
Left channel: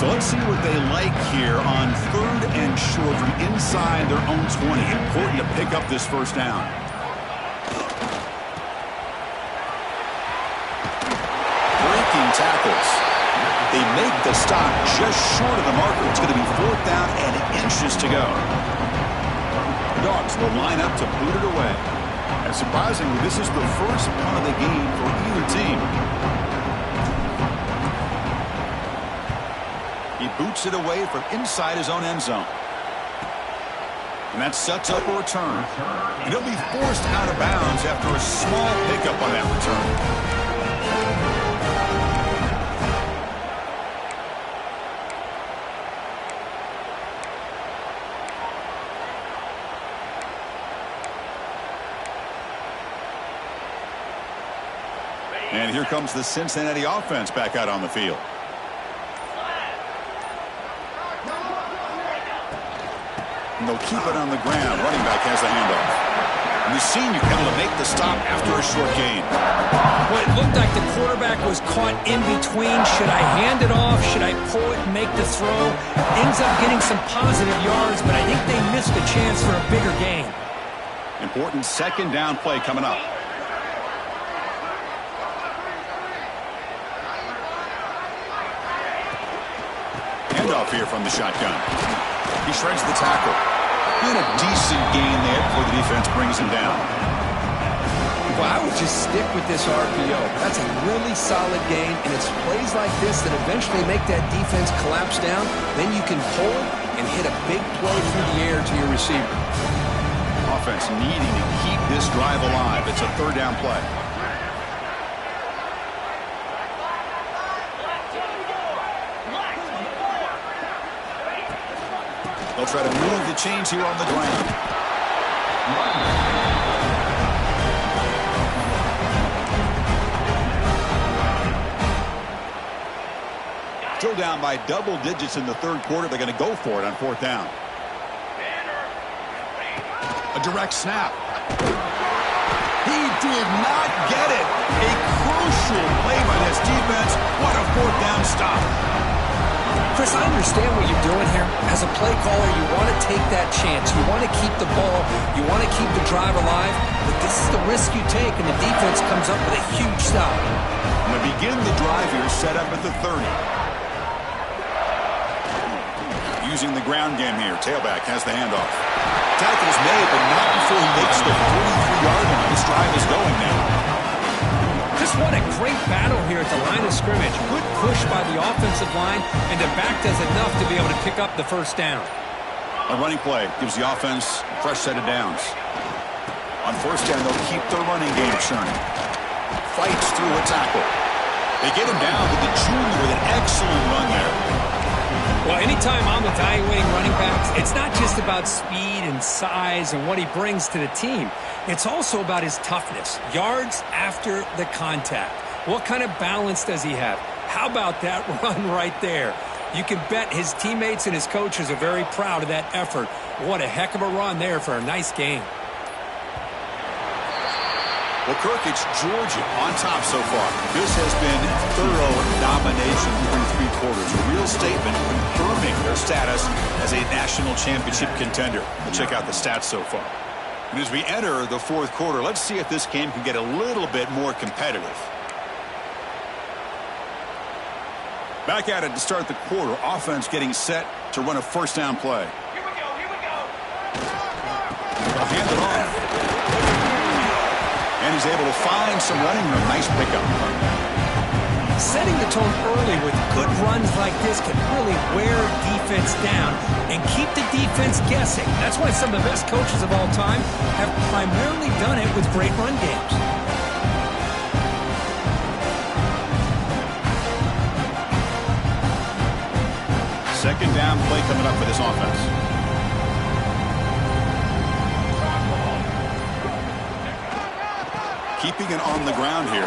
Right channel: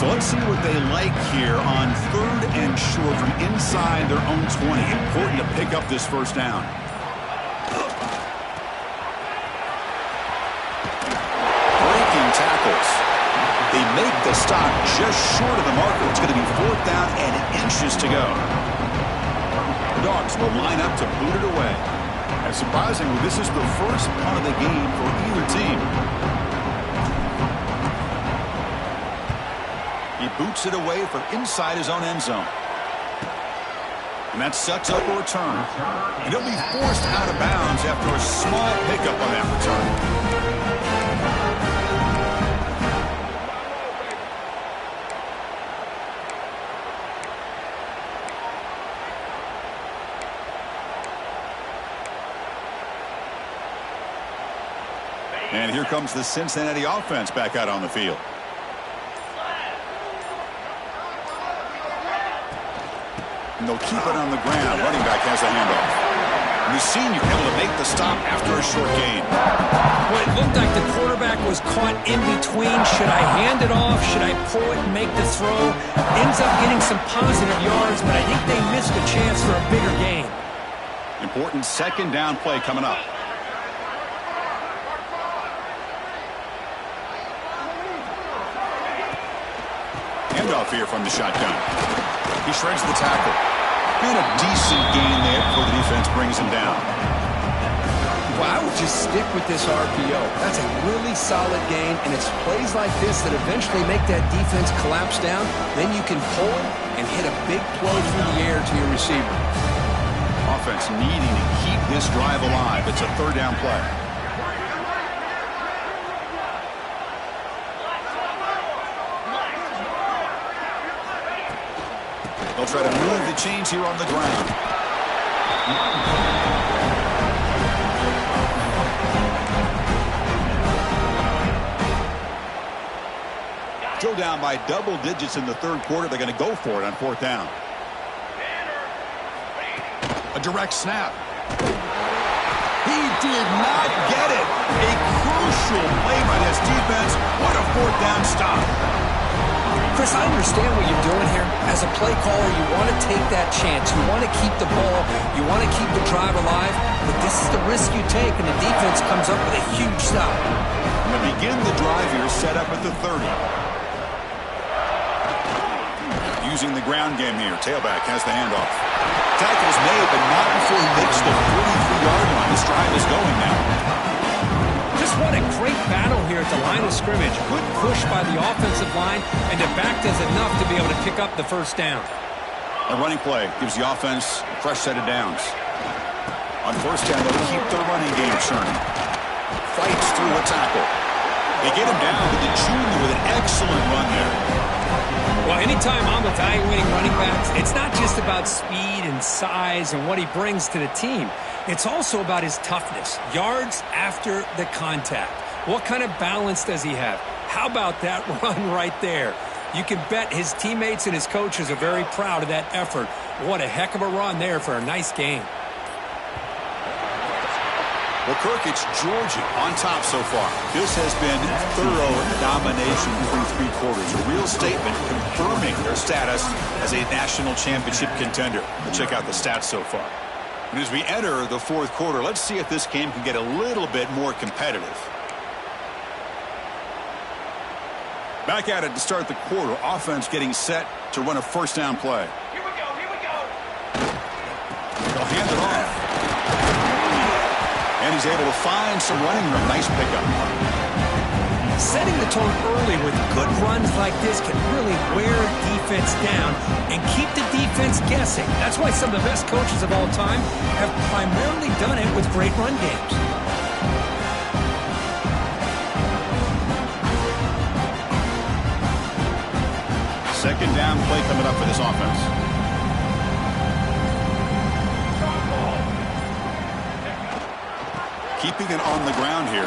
So let's see what they like here on 3rd and short from inside their own 20. Important to pick up this 1st down. Breaking tackles. They make the stop just short of the marker. It's going to be 4th down and inches to go. The Dogs will line up to boot it away. And surprisingly, this is the first punt of the game for either team. He boots it away from inside his own end zone. And that sets up a return. And he'll be forced out of bounds after a small pickup on that return. And here comes the Cincinnati offense back out on the field. And they'll keep it on the ground. Running back has the handoff. And the senior able to make the stop after a short gain. Well, it looked like the quarterback was caught in between. Should I hand it off? Should I pull it and make the throw? Ends up getting some positive yards, but I think they missed a chance for a bigger gain. Important 2nd down play coming up. Handoff here from the shotgun. He shreds the tackle. And a decent gain there before the defense brings him down. Well, I would just stick with this RPO. That's a really solid gain, and it's plays like this that eventually make that defense collapse down. Then you can pull it and hit a big play through the air to your receiver. Offense needing to keep this drive alive. It's a 3rd down play. They'll try to move the chains here on the ground. Still down by double digits in the third quarter. They're going to go for it on fourth down. A direct snap. He did not get it. A crucial play by this defense. What a fourth down stop. Chris, I understand what you're doing here. As a play caller, you want to take that chance. You want to keep the ball. You want to keep the drive alive. But this is the risk you take, and the defense comes up with a huge stop. And to begin the drive here, set up at the 30. Using the ground game here. Tailback has the handoff. Tackle is made, but not before he makes the 43-yard line. This drive is going now. Just what a great battle here at the line of scrimmage. Good push by the offensive line, and the back does enough to be able to pick up the first down. A running play gives the offense a fresh set of downs. On first down, they'll keep their running game churning. Fights through a tackle. They get him down to the junior with an excellent run there. Well, anytime I'm evaluating running backs, it's not just about speed and size and what he brings to the team. It's also about his toughness, yards after the contact. What kind of balance does he have? How about that run right there? You can bet his teammates and his coaches are very proud of that effort. What a heck of a run there for a nice game. Well, Kirk, it's Georgia on top so far. This has been thorough domination through three quarters. A real statement confirming their status as a national championship contender. Let's check out the stats so far. And as we enter the fourth quarter, let's see if this game can get a little bit more competitive. Back at it to start the quarter. Offense getting set to run a first down play. Here we go, here we go. They'll hand it off. And he's able to find some running room. Nice pickup. Setting the tone early with good runs like this can really wear defense down and keep the defense guessing. That's why some of the best coaches of all time have primarily done it with great run games. Second down play coming up for this offense. Keeping it on the ground here.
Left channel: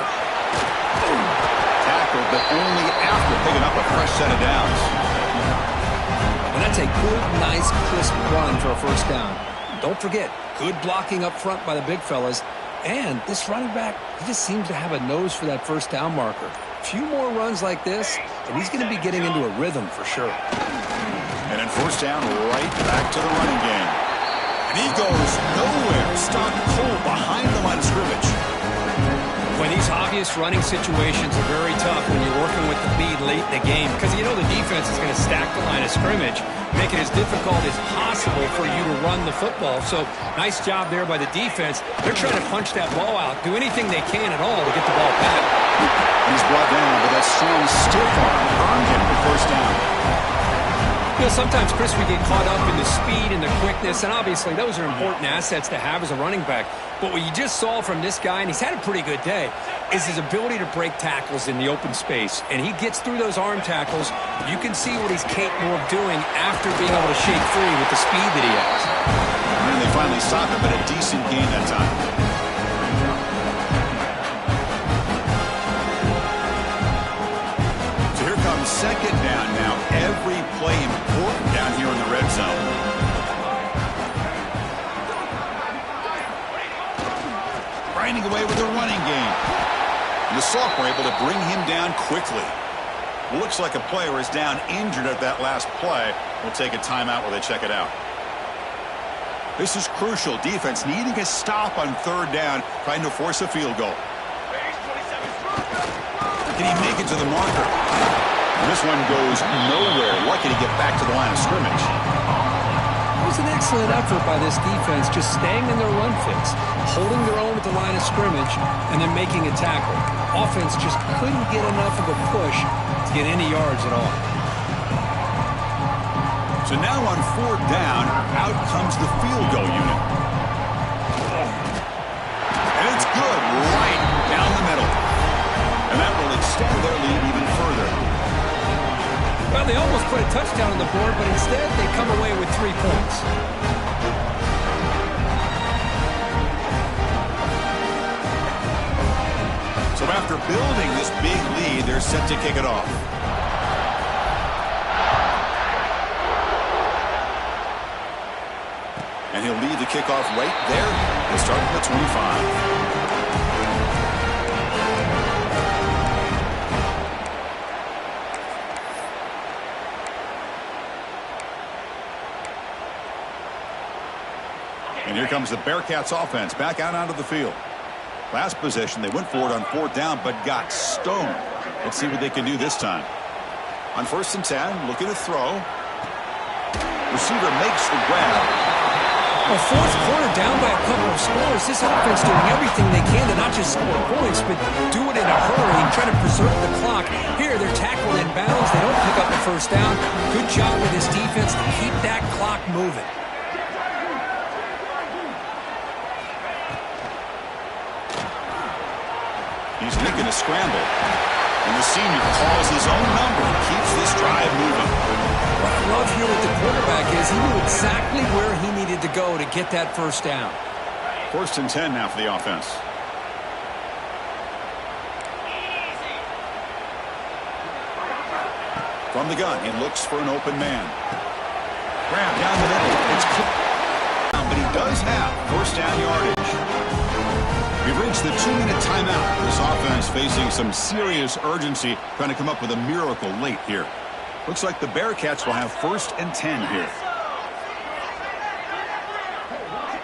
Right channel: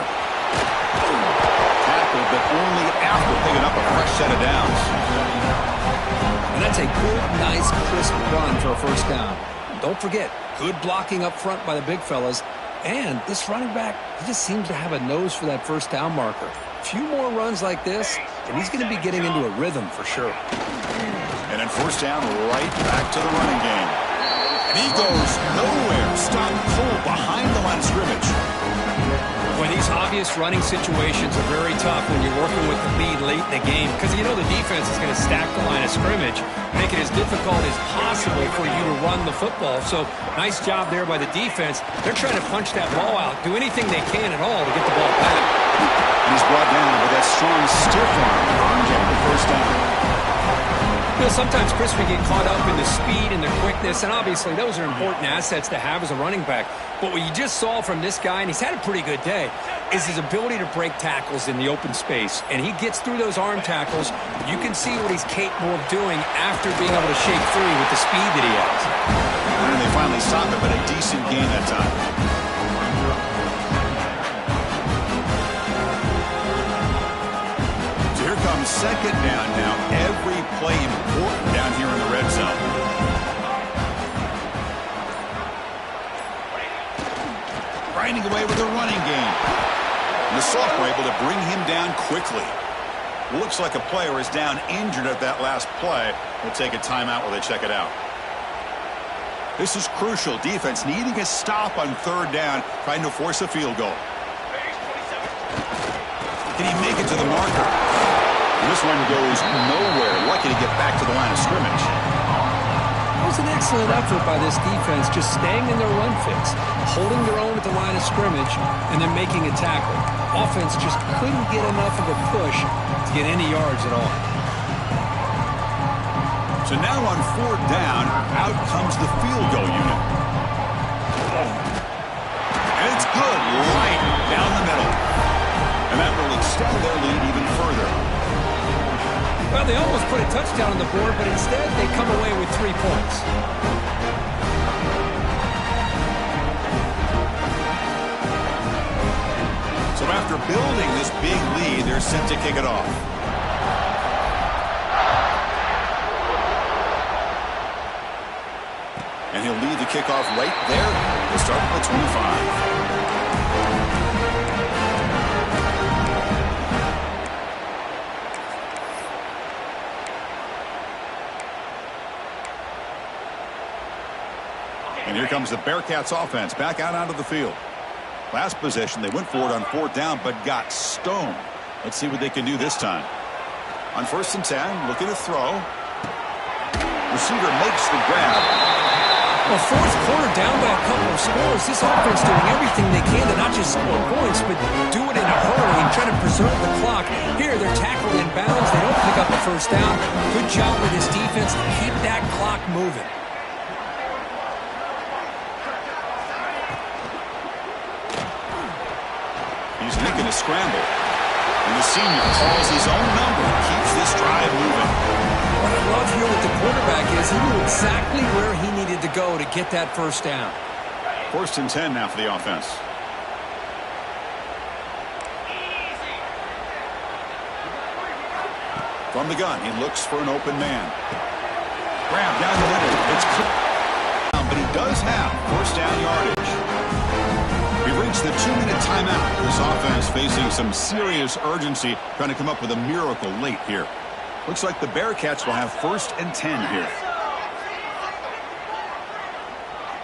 Tackled, but only after picking up a fresh set of downs. And that's a good, nice, crisp run for a first down. Don't forget, good blocking up front by the big fellas. And this running back, he just seems to have a nose for that first down marker. A few more runs like this, and he's going to be getting into a rhythm for sure. And then first down, right back to the running game. And he goes nowhere. Stopped cold behind the line of scrimmage. Boy, these obvious running situations are very tough when you're working with the lead late in the game because you know the defense is going to stack the line of scrimmage, make it as difficult as possible for you to run the football. So nice job there by the defense. They're trying to punch that ball out, do anything they can at all to get the ball back. And he's brought down, but that strong stiff arm earned him the first down. You know, sometimes, Chris, we get caught up in the speed and the quickness, and obviously those are important assets to have as a running back. But what you just saw from this guy, and he's had a pretty good day, is his ability to break tackles in the open space. And he gets through those arm tackles. You can see what he's capable of doing after being able to shake free with the speed that he has. And they finally stopped him, but a decent gain that time. So here comes second down now. Every play important down here in the red zone. Grinding away with the running game. And the sophomore able to bring him down quickly. Looks like a player is down injured at that last play. We'll take a timeout while they check it out. This is crucial. Defense needing a stop on third down, trying to force a field goal. Can he make it to the marker? This one goes nowhere. Lucky to get back to the line of scrimmage. It was an excellent effort by this defense, just staying in their run fits, holding their own at the line of scrimmage, and then making a tackle. Offense just couldn't get enough of a push to get any yards at all. So now on fourth down, out comes the field goal unit. And it's good, right down the middle. And that will extend their lead even further. Well, they almost put a touchdown on the board, but instead they come away with 3 points. So after building this big lead, they're set to kick it off. And he'll lead the kickoff right there. He'll start from the 25. And here comes the Bearcats offense back out onto the field. Last possession, they went for it on 4th down, but got stoned. Let's see what they can do this time. On 1st and 10, looking to throw. Receiver makes the grab. Well, 4th quarter down by a couple of scores. This offense doing everything they can to not just score points, but do it in a hurry and try to preserve the clock. Here, they're tackled in bounds. They don't pick up a 1st down. Good job with this defense to keep that clock moving. He's making a scramble. And the senior calls his own number and keeps this drive moving. What I love here with the quarterback is he knew exactly where he needed to go to get that 1st down. 1st and 10 now for the offense. From the gun, he looks for an open man. Grab down the middle. It's clear. But he does have 1st down yardage. We've reached the 2-minute timeout. This offense facing some serious urgency, trying to come up with a miracle late here. Looks like the Bearcats will have 1st and 10 here.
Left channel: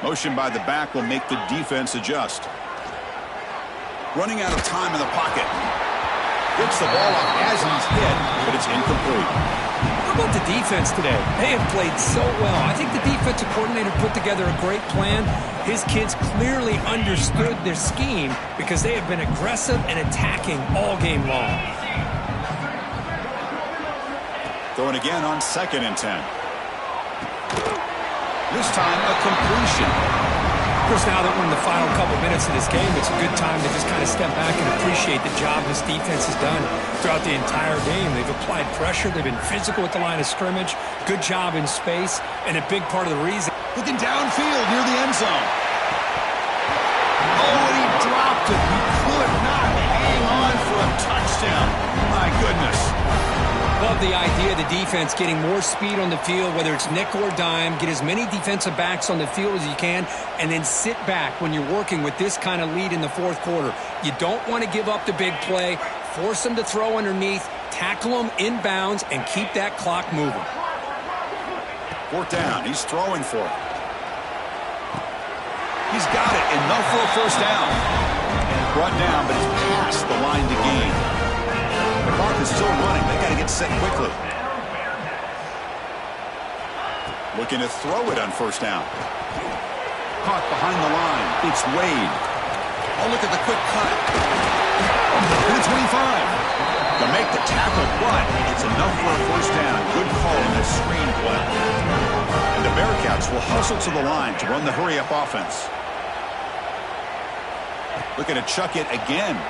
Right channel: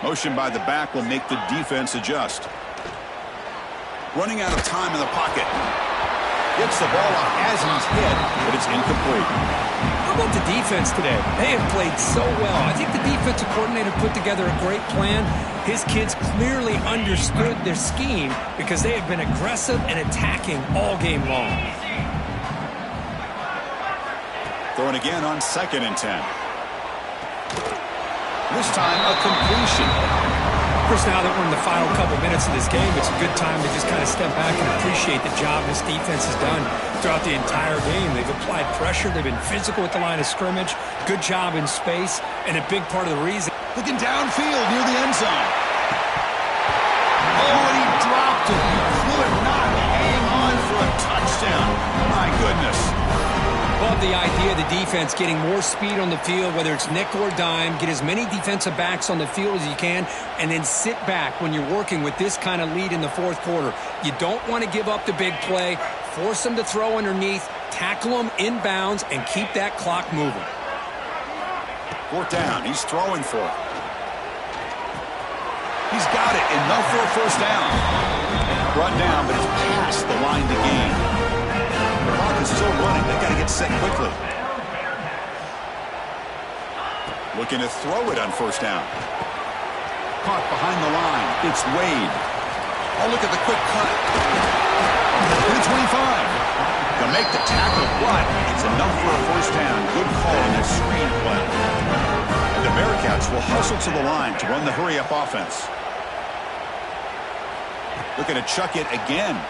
Motion by the back will make the defense adjust. Running out of time in the pocket. Gets the ball off as he's hit, but it's incomplete. How about the defense today? They have played so well. I think the defensive coordinator put together a great plan. His kids clearly understood their scheme because they have been aggressive and attacking all game long. Throwing again on 2nd and 10. This time a completion. Of course, now that we're in the final couple minutes of this game, it's a good time to just kind of step back and appreciate the job this defense has done throughout the entire game. They've applied pressure. They've been physical at the line of scrimmage. Good job in space. And a big part of the reason. Looking downfield near the end zone. Oh, and he dropped it. He could not hang on for a touchdown. My goodness. Love the idea of the defense getting more speed on the field, whether it's nickel or dime, get as many defensive backs on the field as you can, and then sit back when you're working with this kind of lead in the 4th quarter. You don't want to give up the big play, force them to throw underneath, tackle them in bounds, and keep that clock moving. 4th down. He's throwing for it. He's got it. Enough for a 1st down. Brought down, but it's past the line to gain. The clock is still running. They got to get set quickly. Looking to throw it on 1st down. Caught behind the line. It's Wade. Oh, look at the quick cut. To the 25. To make the tackle, but it's enough for a 1st down. Good call on this screen play. And the Bearcats will hustle to the line to run the hurry-up offense. Looking to chuck it again.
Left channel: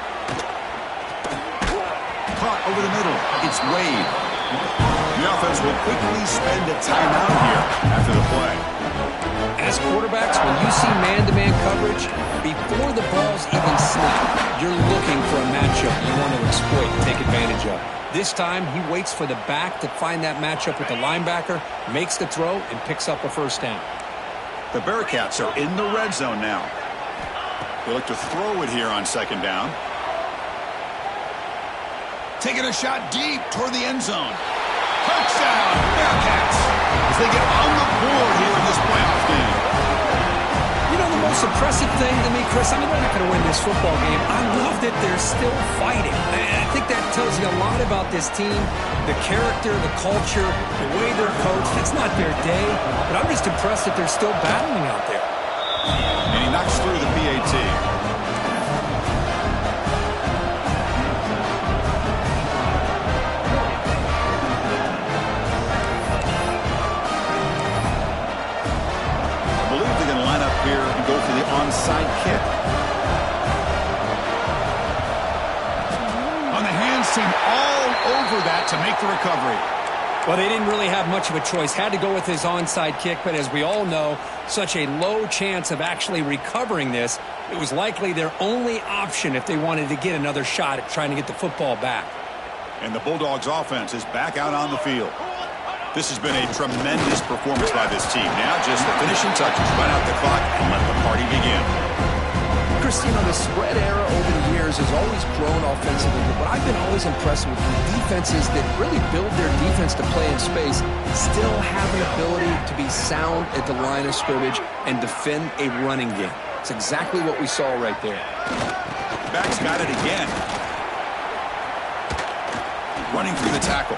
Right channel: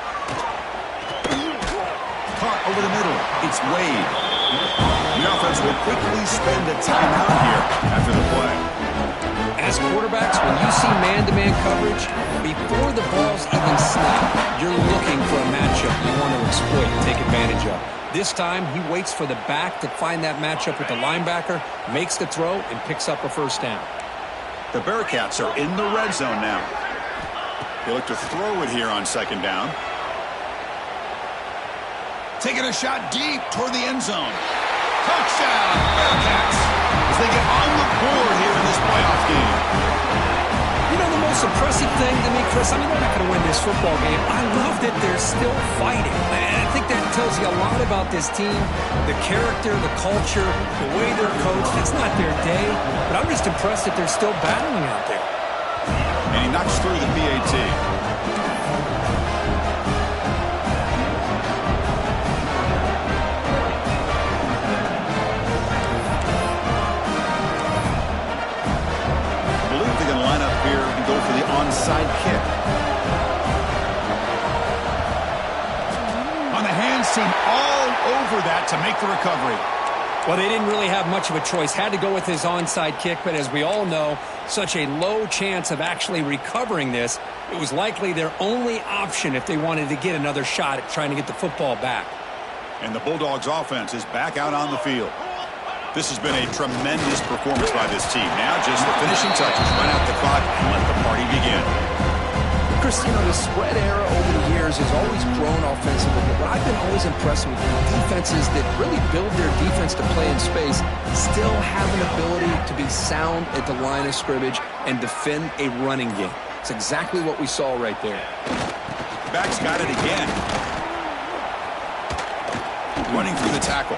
Caught over the middle. It's Wade. The offense will quickly spend a timeout here after the play. As quarterbacks, when you see man-to-man coverage, before the ball's even snapped, you're looking for a matchup you want to exploit and take advantage of. This time, he waits for the back to find that matchup with the linebacker, makes the throw, and picks up a 1st down. The Bearcats are in the red zone now. They look to throw it here on 2nd down. Taking a shot deep toward the end zone. Touchdown, Bearcats, as they get on the board here in this playoff game. You know, the most impressive thing to me, Chris, I mean, they're not going to win this football game. I love that they're still fighting. And I think that tells you a lot about this team, the character, the culture, the way they're coached. It's not their day, but I'm just impressed that they're still battling out there. And he knocks through the PAT. Line up here and go for the onside kick. On the hands team all over that to make the recovery. Well, they didn't really have much of a choice. Had to go with his onside kick, but as we all know, such a low chance of actually recovering this. It was likely their only option if they wanted to get another shot at trying to get the football back. And the Bulldogs offense is back out on the field. This has been a tremendous performance by this team. Now just the finishing touches. Run out the clock and let the party begin. Chris, you know, the spread era over the years has always grown offensively, but what I've been always impressed with defenses that really build their defense to play in space still have an ability to be sound at the line of scrimmage and defend a running game. It's exactly what we saw right there. Back's got it again. Running through the tackle.